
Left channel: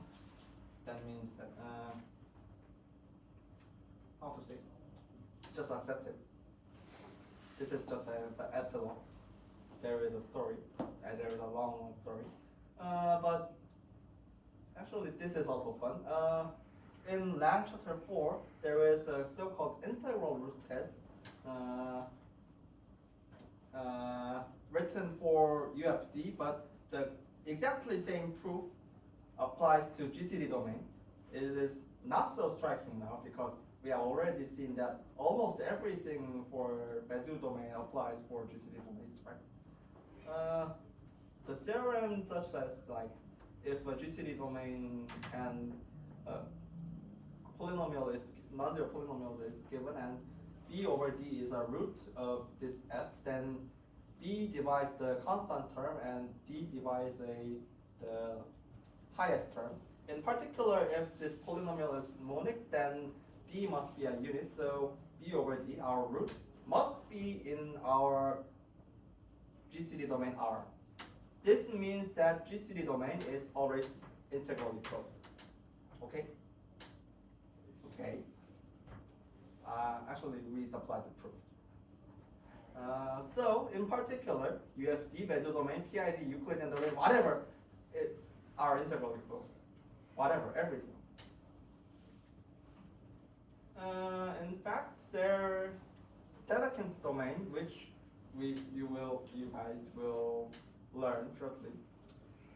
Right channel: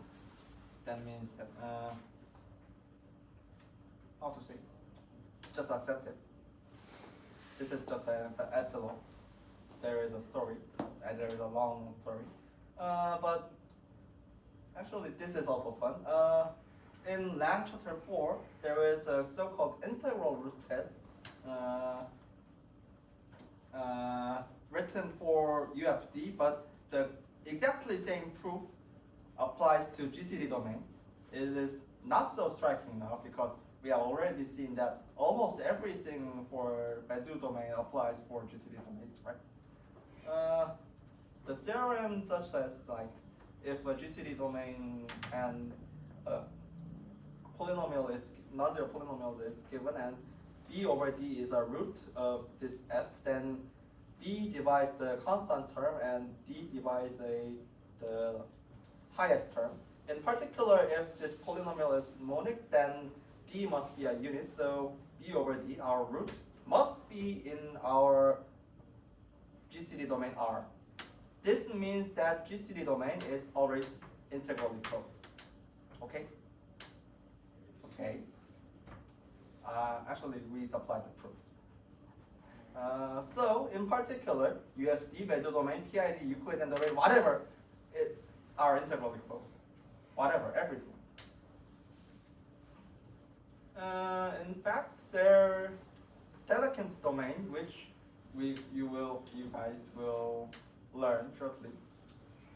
That means that how to say? Just accept it. This is just an epilogue. There is a story, and there is a long story. But actually, this is also fun. In Lang chapter 4, there is a so-called integral root test written for UFD, but the exactly same proof applies to GCD domain. It is not so striking now because we have already seen that almost everything for Bezier domain applies for GCD domains, right? The theorem such as like if a GCD domain and polynomial is non-zero polynomial is given and B over D is a root of this F, then D divides the constant term and D divides the highest term. In particular, if this polynomial is monic, then D must be a unit, so B over D, our root, must be in our GCD domain R. This means that GCD domain is always integrally closed. Okay? Okay. Actually, we supplied the proof. So, in particular, UFD, Bezier domain, PID, Euclidean domain, whatever, are integrally closed. Whatever, everything. In fact, their Dedekind's domain, which you guys will learn shortly,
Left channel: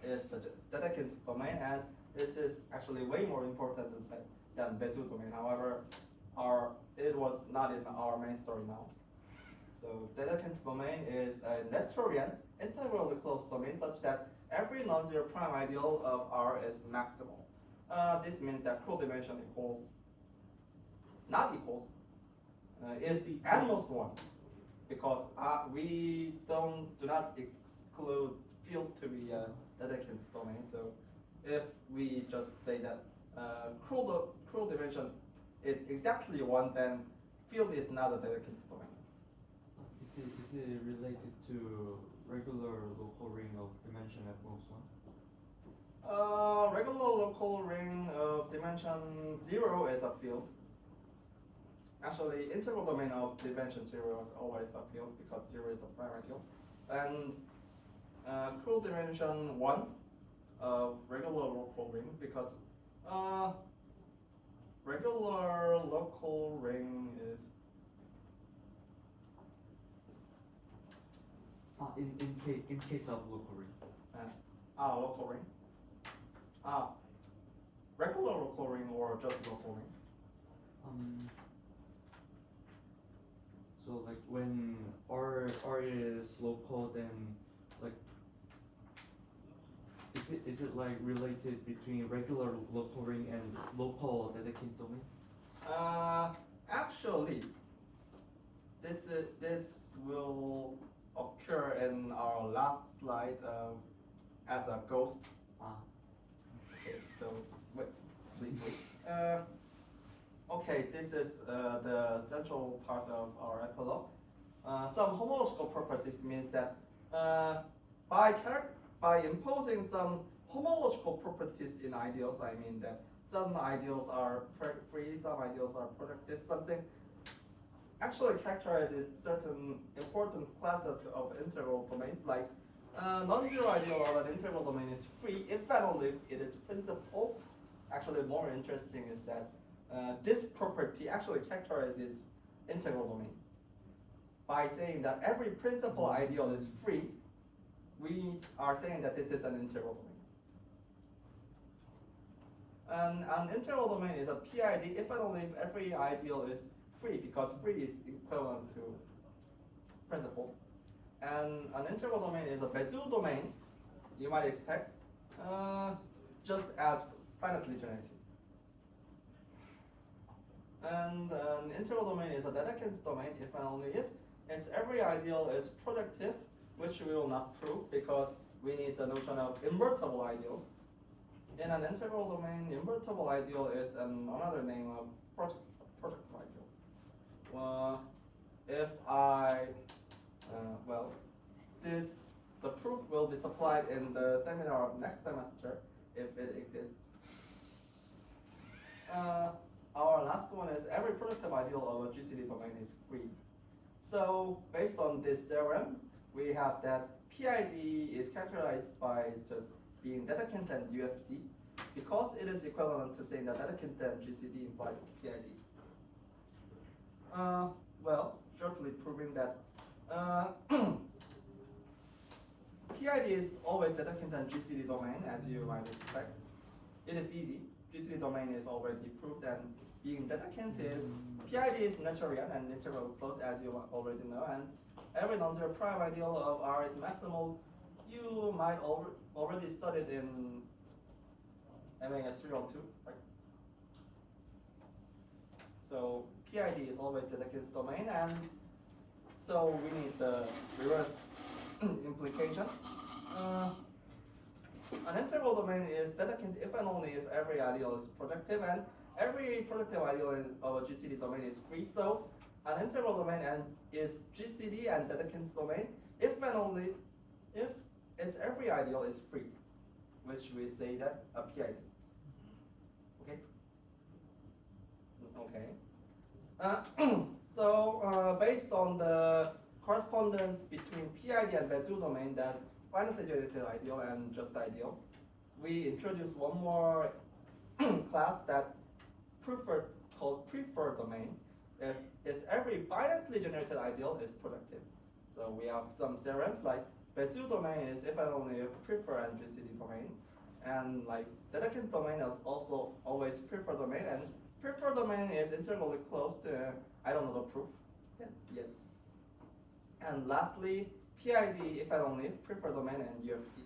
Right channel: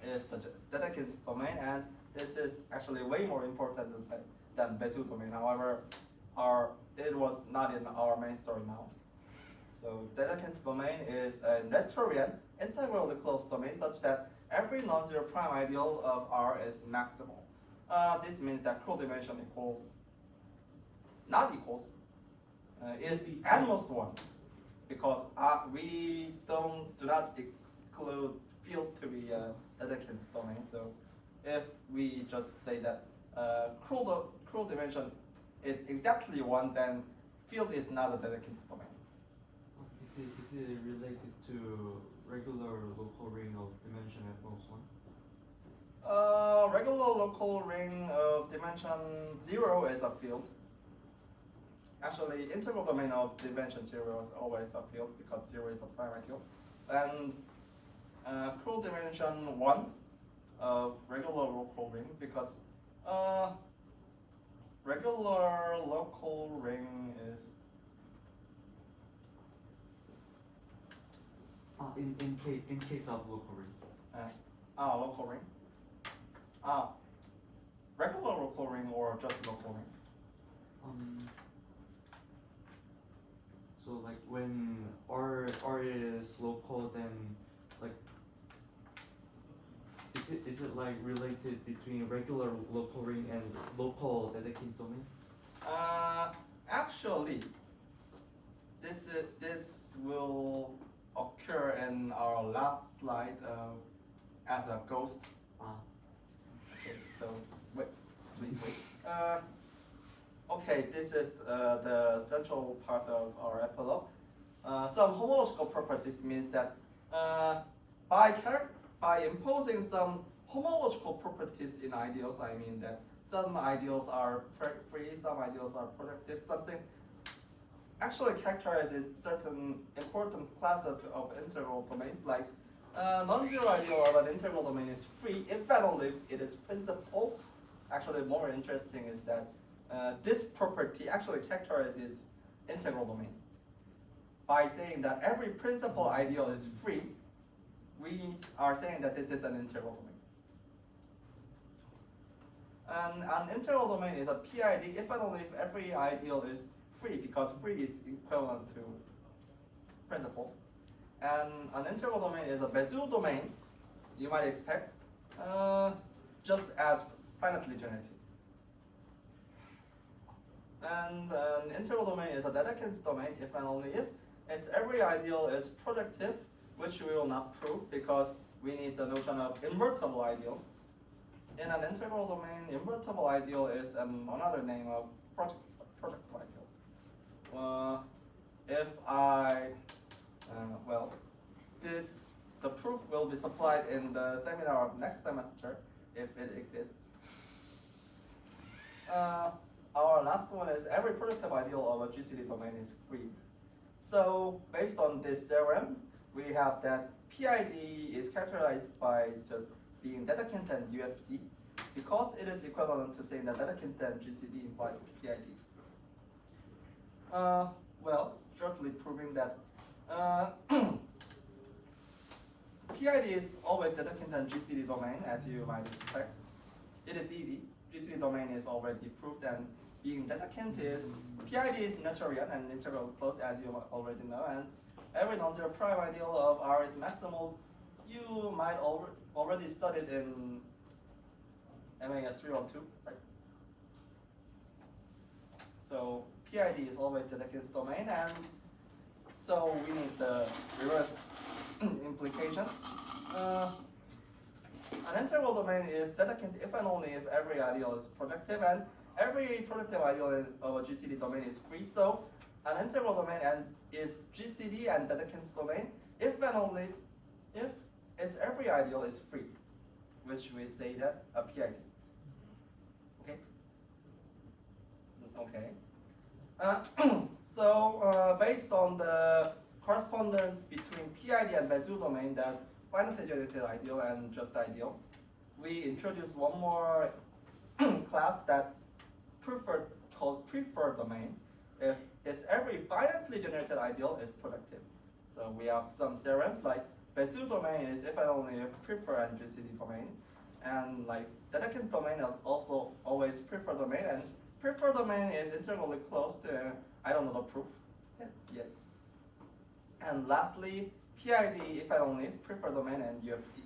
is the Dedekind's domain, and this is actually way more important than Bezier domain. However, it was not in our main story now. So Dedekind's domain is a Noetherian integrally closed domain such that every non-zero prime ideal of R is maximal. This means that curl dimension equals, not equals, is at most one, because we do not exclude field to be a Dedekind's domain. So if we just say that curl dimension is exactly one, then field is not a Dedekind's domain. Is it related to regular local ring of dimension at most one? Regular local ring of dimension 0 is a field. Actually, integral domain of dimension 0 is always a field because 0 is a prime ideal. And curl dimension 1 of regular local ring, because regular local ring is in case of local ring. Local ring. Regular local ring or just local ring? So like when R is local, then like is it like related between regular local ring and local Dedekind domain? Actually, this will occur in our last slide as a ghost. Okay, so wait, please wait. Okay, this is the central part of our epilogue. Some homological properties means that by imposing some homological properties in ideals, I mean that some ideals are free, some ideals are projective, something actually characterizes certain important classes of integral domains, like non-zero ideal of an integral domain is free if and only if it is principal. Actually, more interesting is that this property actually characterizes integral domain. By saying that every principal ideal is free, we are saying that this is an integral domain. And an integral domain is a PID if and only if every ideal is free, because free is equivalent to principal. And an integral domain is a Bezier domain, you might expect, just as finitely generated. And an integral domain is a Dedekind's domain if and only if its every ideal is projective, which we will not prove because we need the notion of invertible ideals. In an integral domain, invertible ideal is another name of projective ideals. If I, the proof will be supplied in the seminar of next semester if it exists. Our last one is every projective ideal of a GCD domain is free. So based on this theorem, we have that PID is characterized by just being Dedekind and UFD, because it is equivalent to saying that Dedekind and GCD implies PID. Shortly proving that PID is always Dedekind and GCD domain, as you might expect. It is easy. GCD domain is already proved, and being Dedekind is PID is Noetherian and integral closed, as you already know, and every non-zero prime ideal of R is maximal. You might already studied in MAS 302, right? So PID is always Dedekind's domain, and so we need the reverse implication. An integral domain is dedicated if and only if every ideal is projective, and every projective ideal of a GCD domain is free. So an integral domain is GCD and dedicated domain if and only if its every ideal is free, which we say that a PID. Okay. Okay. So based on the correspondence between PID and Bezier domain, that finitely generated ideal and just ideal, we introduce one more class that called preferred domain. If its every finitely generated ideal is projective. So we have some theorems like Bezier domain is if and only if preferred and GCD domain, and like Dedekind domain is also always preferred domain, and preferred domain is integrally close to I don't know the proof yet. And lastly, PID if and only preferred domain and UFD.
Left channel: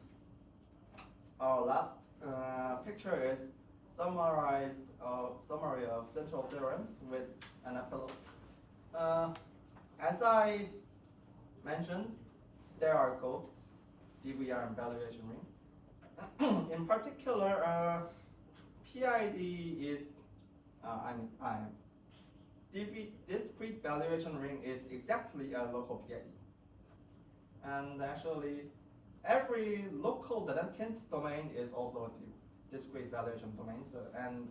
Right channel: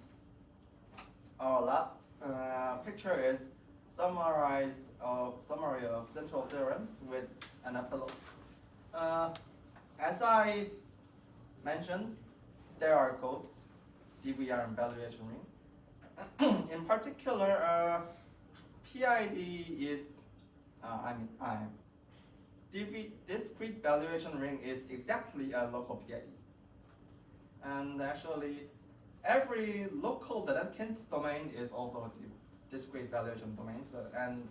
Our last picture is summary of central theorems with an epilogue. As I mentioned, there are ghosts, DVR and valuation ring. In particular, PID is, discrete valuation ring is exactly a local PID. And actually, every local Dedekind domain is also a discrete valuation domain. So, and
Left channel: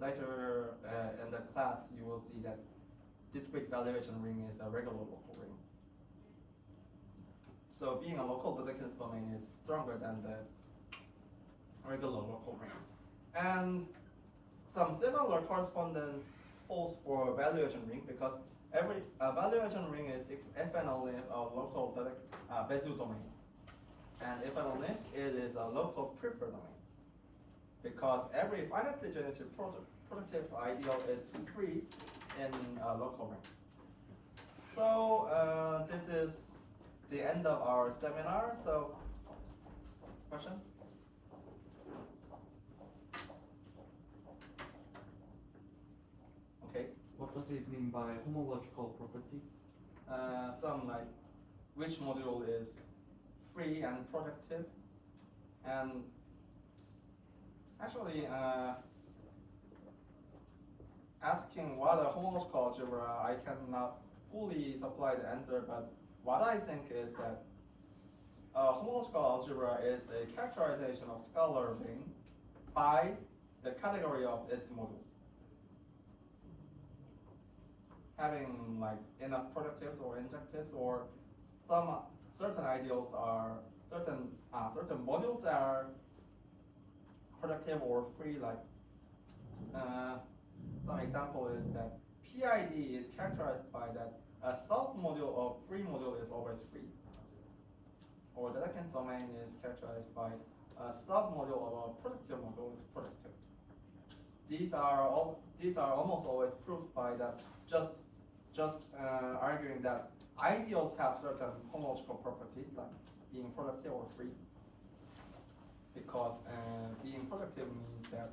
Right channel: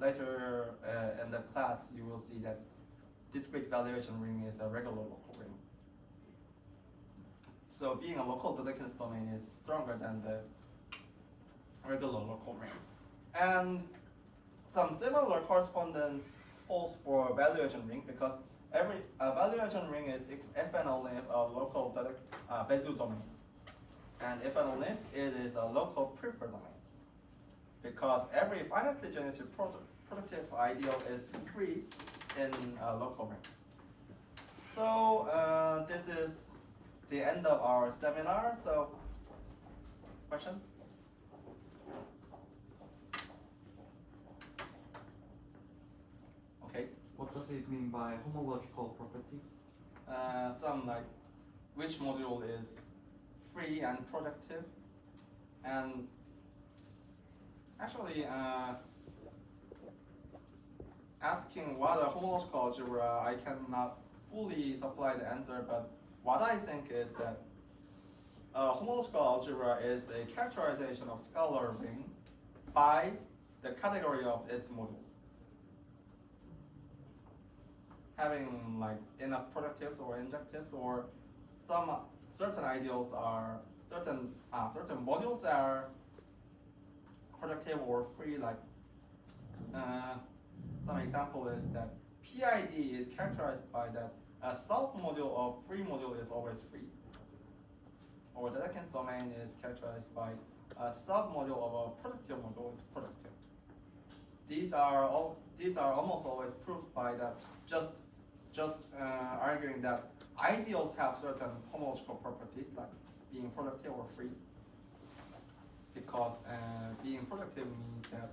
later in the class, you will see that discrete valuation ring is a regular local ring. So being a local Dedekind domain is stronger than the regular local ring. And some similar correspondence holds for valuation ring, because every valuation ring is if and only a local Bezier domain. And if and only it is a local preferred domain. Because every finitely generated productive ideal is free in a local ring. So this is the end of our seminar. So questions? Okay. What does it mean by homological property? Some like which module is free and projective, and actually asking what a homological algebra, I cannot fully supply the answer, but what I think is that a homological algebra is a characterization of scalar ring by the category of its modules. Having like enough projectives or injectives, or some certain ideals are certain modules are projective or free. Like some example is that PID is characterized by that a self-module of free module is always free, or the second domain is characterized by a self-module of a productive module is productive. These are almost always proved by that just arguing that ideals have certain homological properties like being productive or free, because being productive means that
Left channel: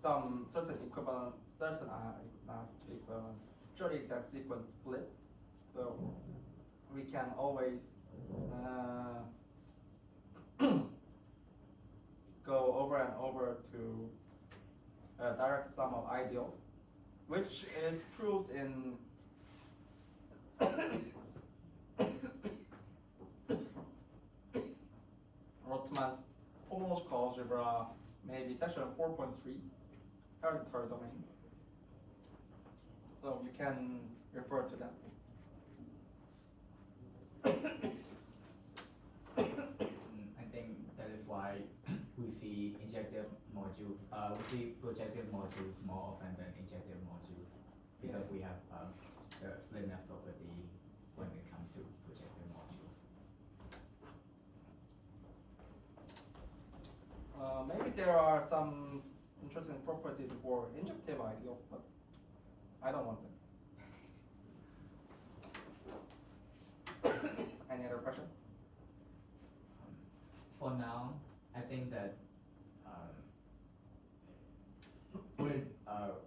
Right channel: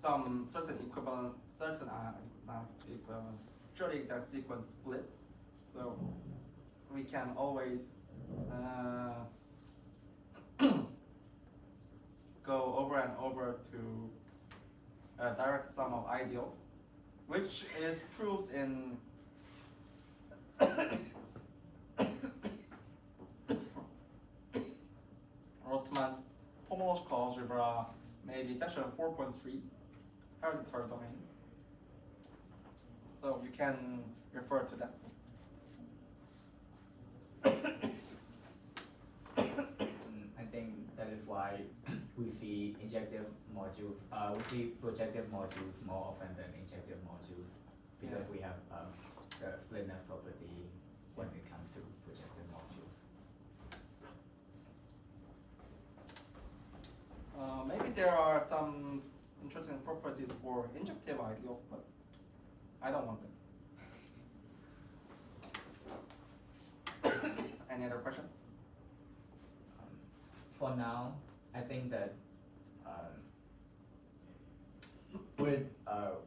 some certain equivalent, not equivalence, surely exact sequence split. So we can always go over and over to a direct sum of ideals, which is proved in Rotman's homological algebra, maybe section 4.3, hereditary domain. So you can refer to that. I think that is why we see injective modules, we see projective modules more often than injective modules, because we have the splitness property when it comes to projective modules. Maybe there are some interesting properties for injective ideals, but I don't want them. Any other question? For now, I think that with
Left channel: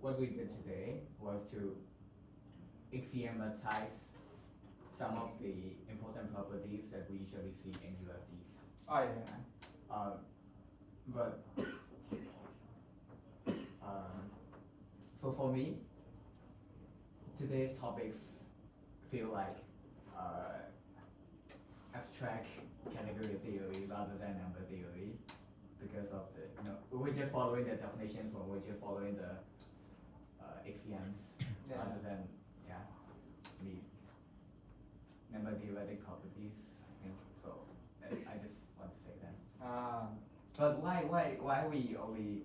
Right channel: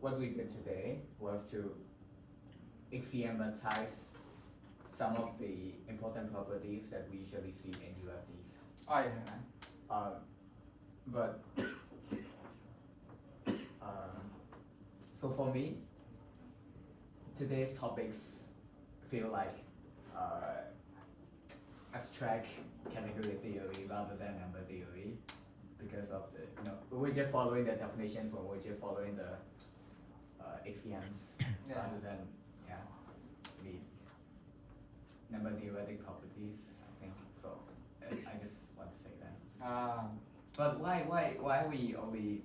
what we did today was to axiomatize some of the important properties that we usually see in UFDs. Oh yeah. But so for me, today's topics feel like abstract category theory rather than number theory because of the we're just following the definitions or we're just following the axioms Yeah. rather than the number theoretic properties. I think so. I just want to say that. But why we only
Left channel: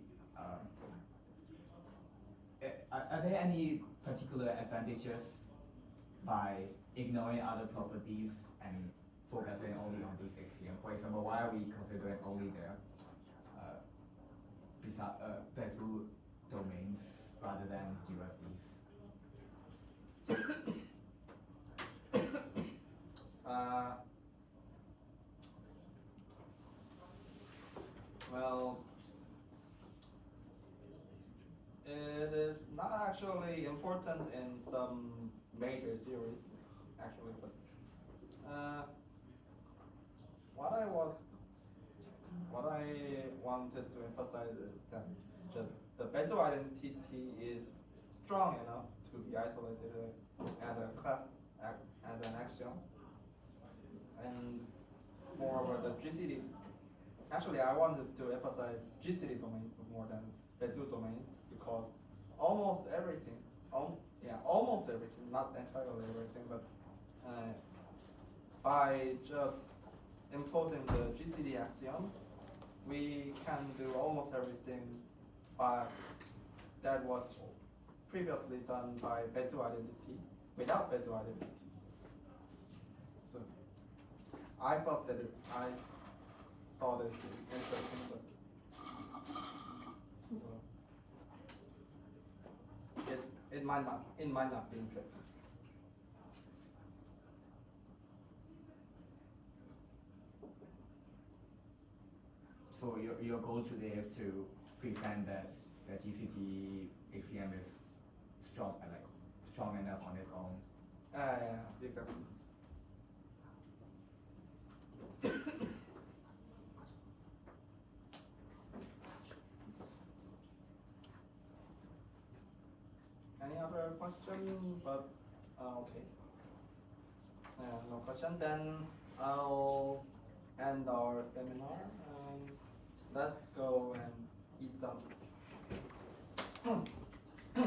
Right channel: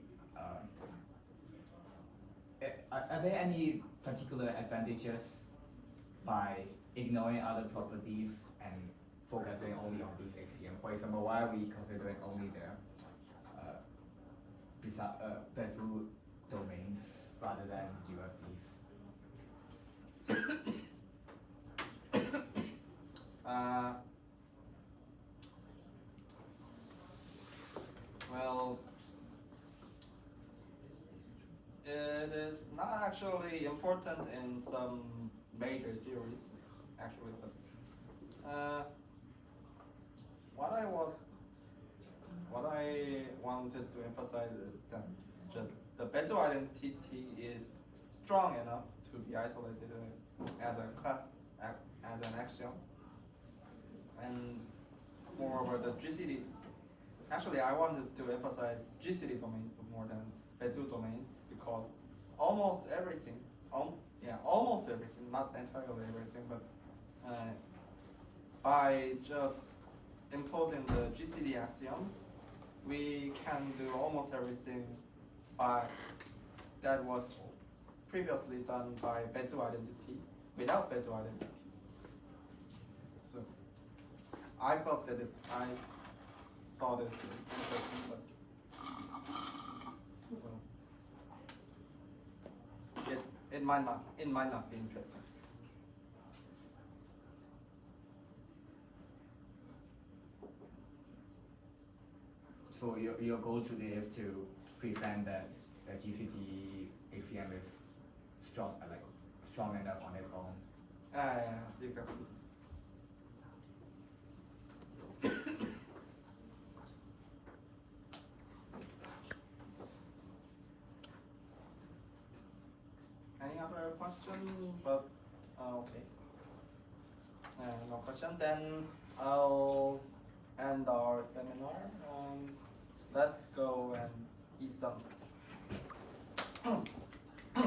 are there any particular advantages by ignoring other properties and focusing only on these axioms? For example, why are we considering only the Bezier domains rather than UFDs? Well, it is not actually important in some major theories, actually, but what I wanted to emphasize is that just the Bezier identity is strong enough to be isolated as a class, as an axiom, and moreover, the GCD. Actually, I wanted to emphasize GCD domains more than Bezier domains because almost everything, almost everything, not entirely everything, but by just imposing the GCD axioms, we can do almost everything that was previously done by Bezier identity without Bezier identity. So I felt that I saw this interesting, but it might not be interesting. So your goal today is to present that the GCD axiom is strong enough on its own. Exactly. Any other question? But okay. No question. Then I'll end our seminar. Let's go and eat some.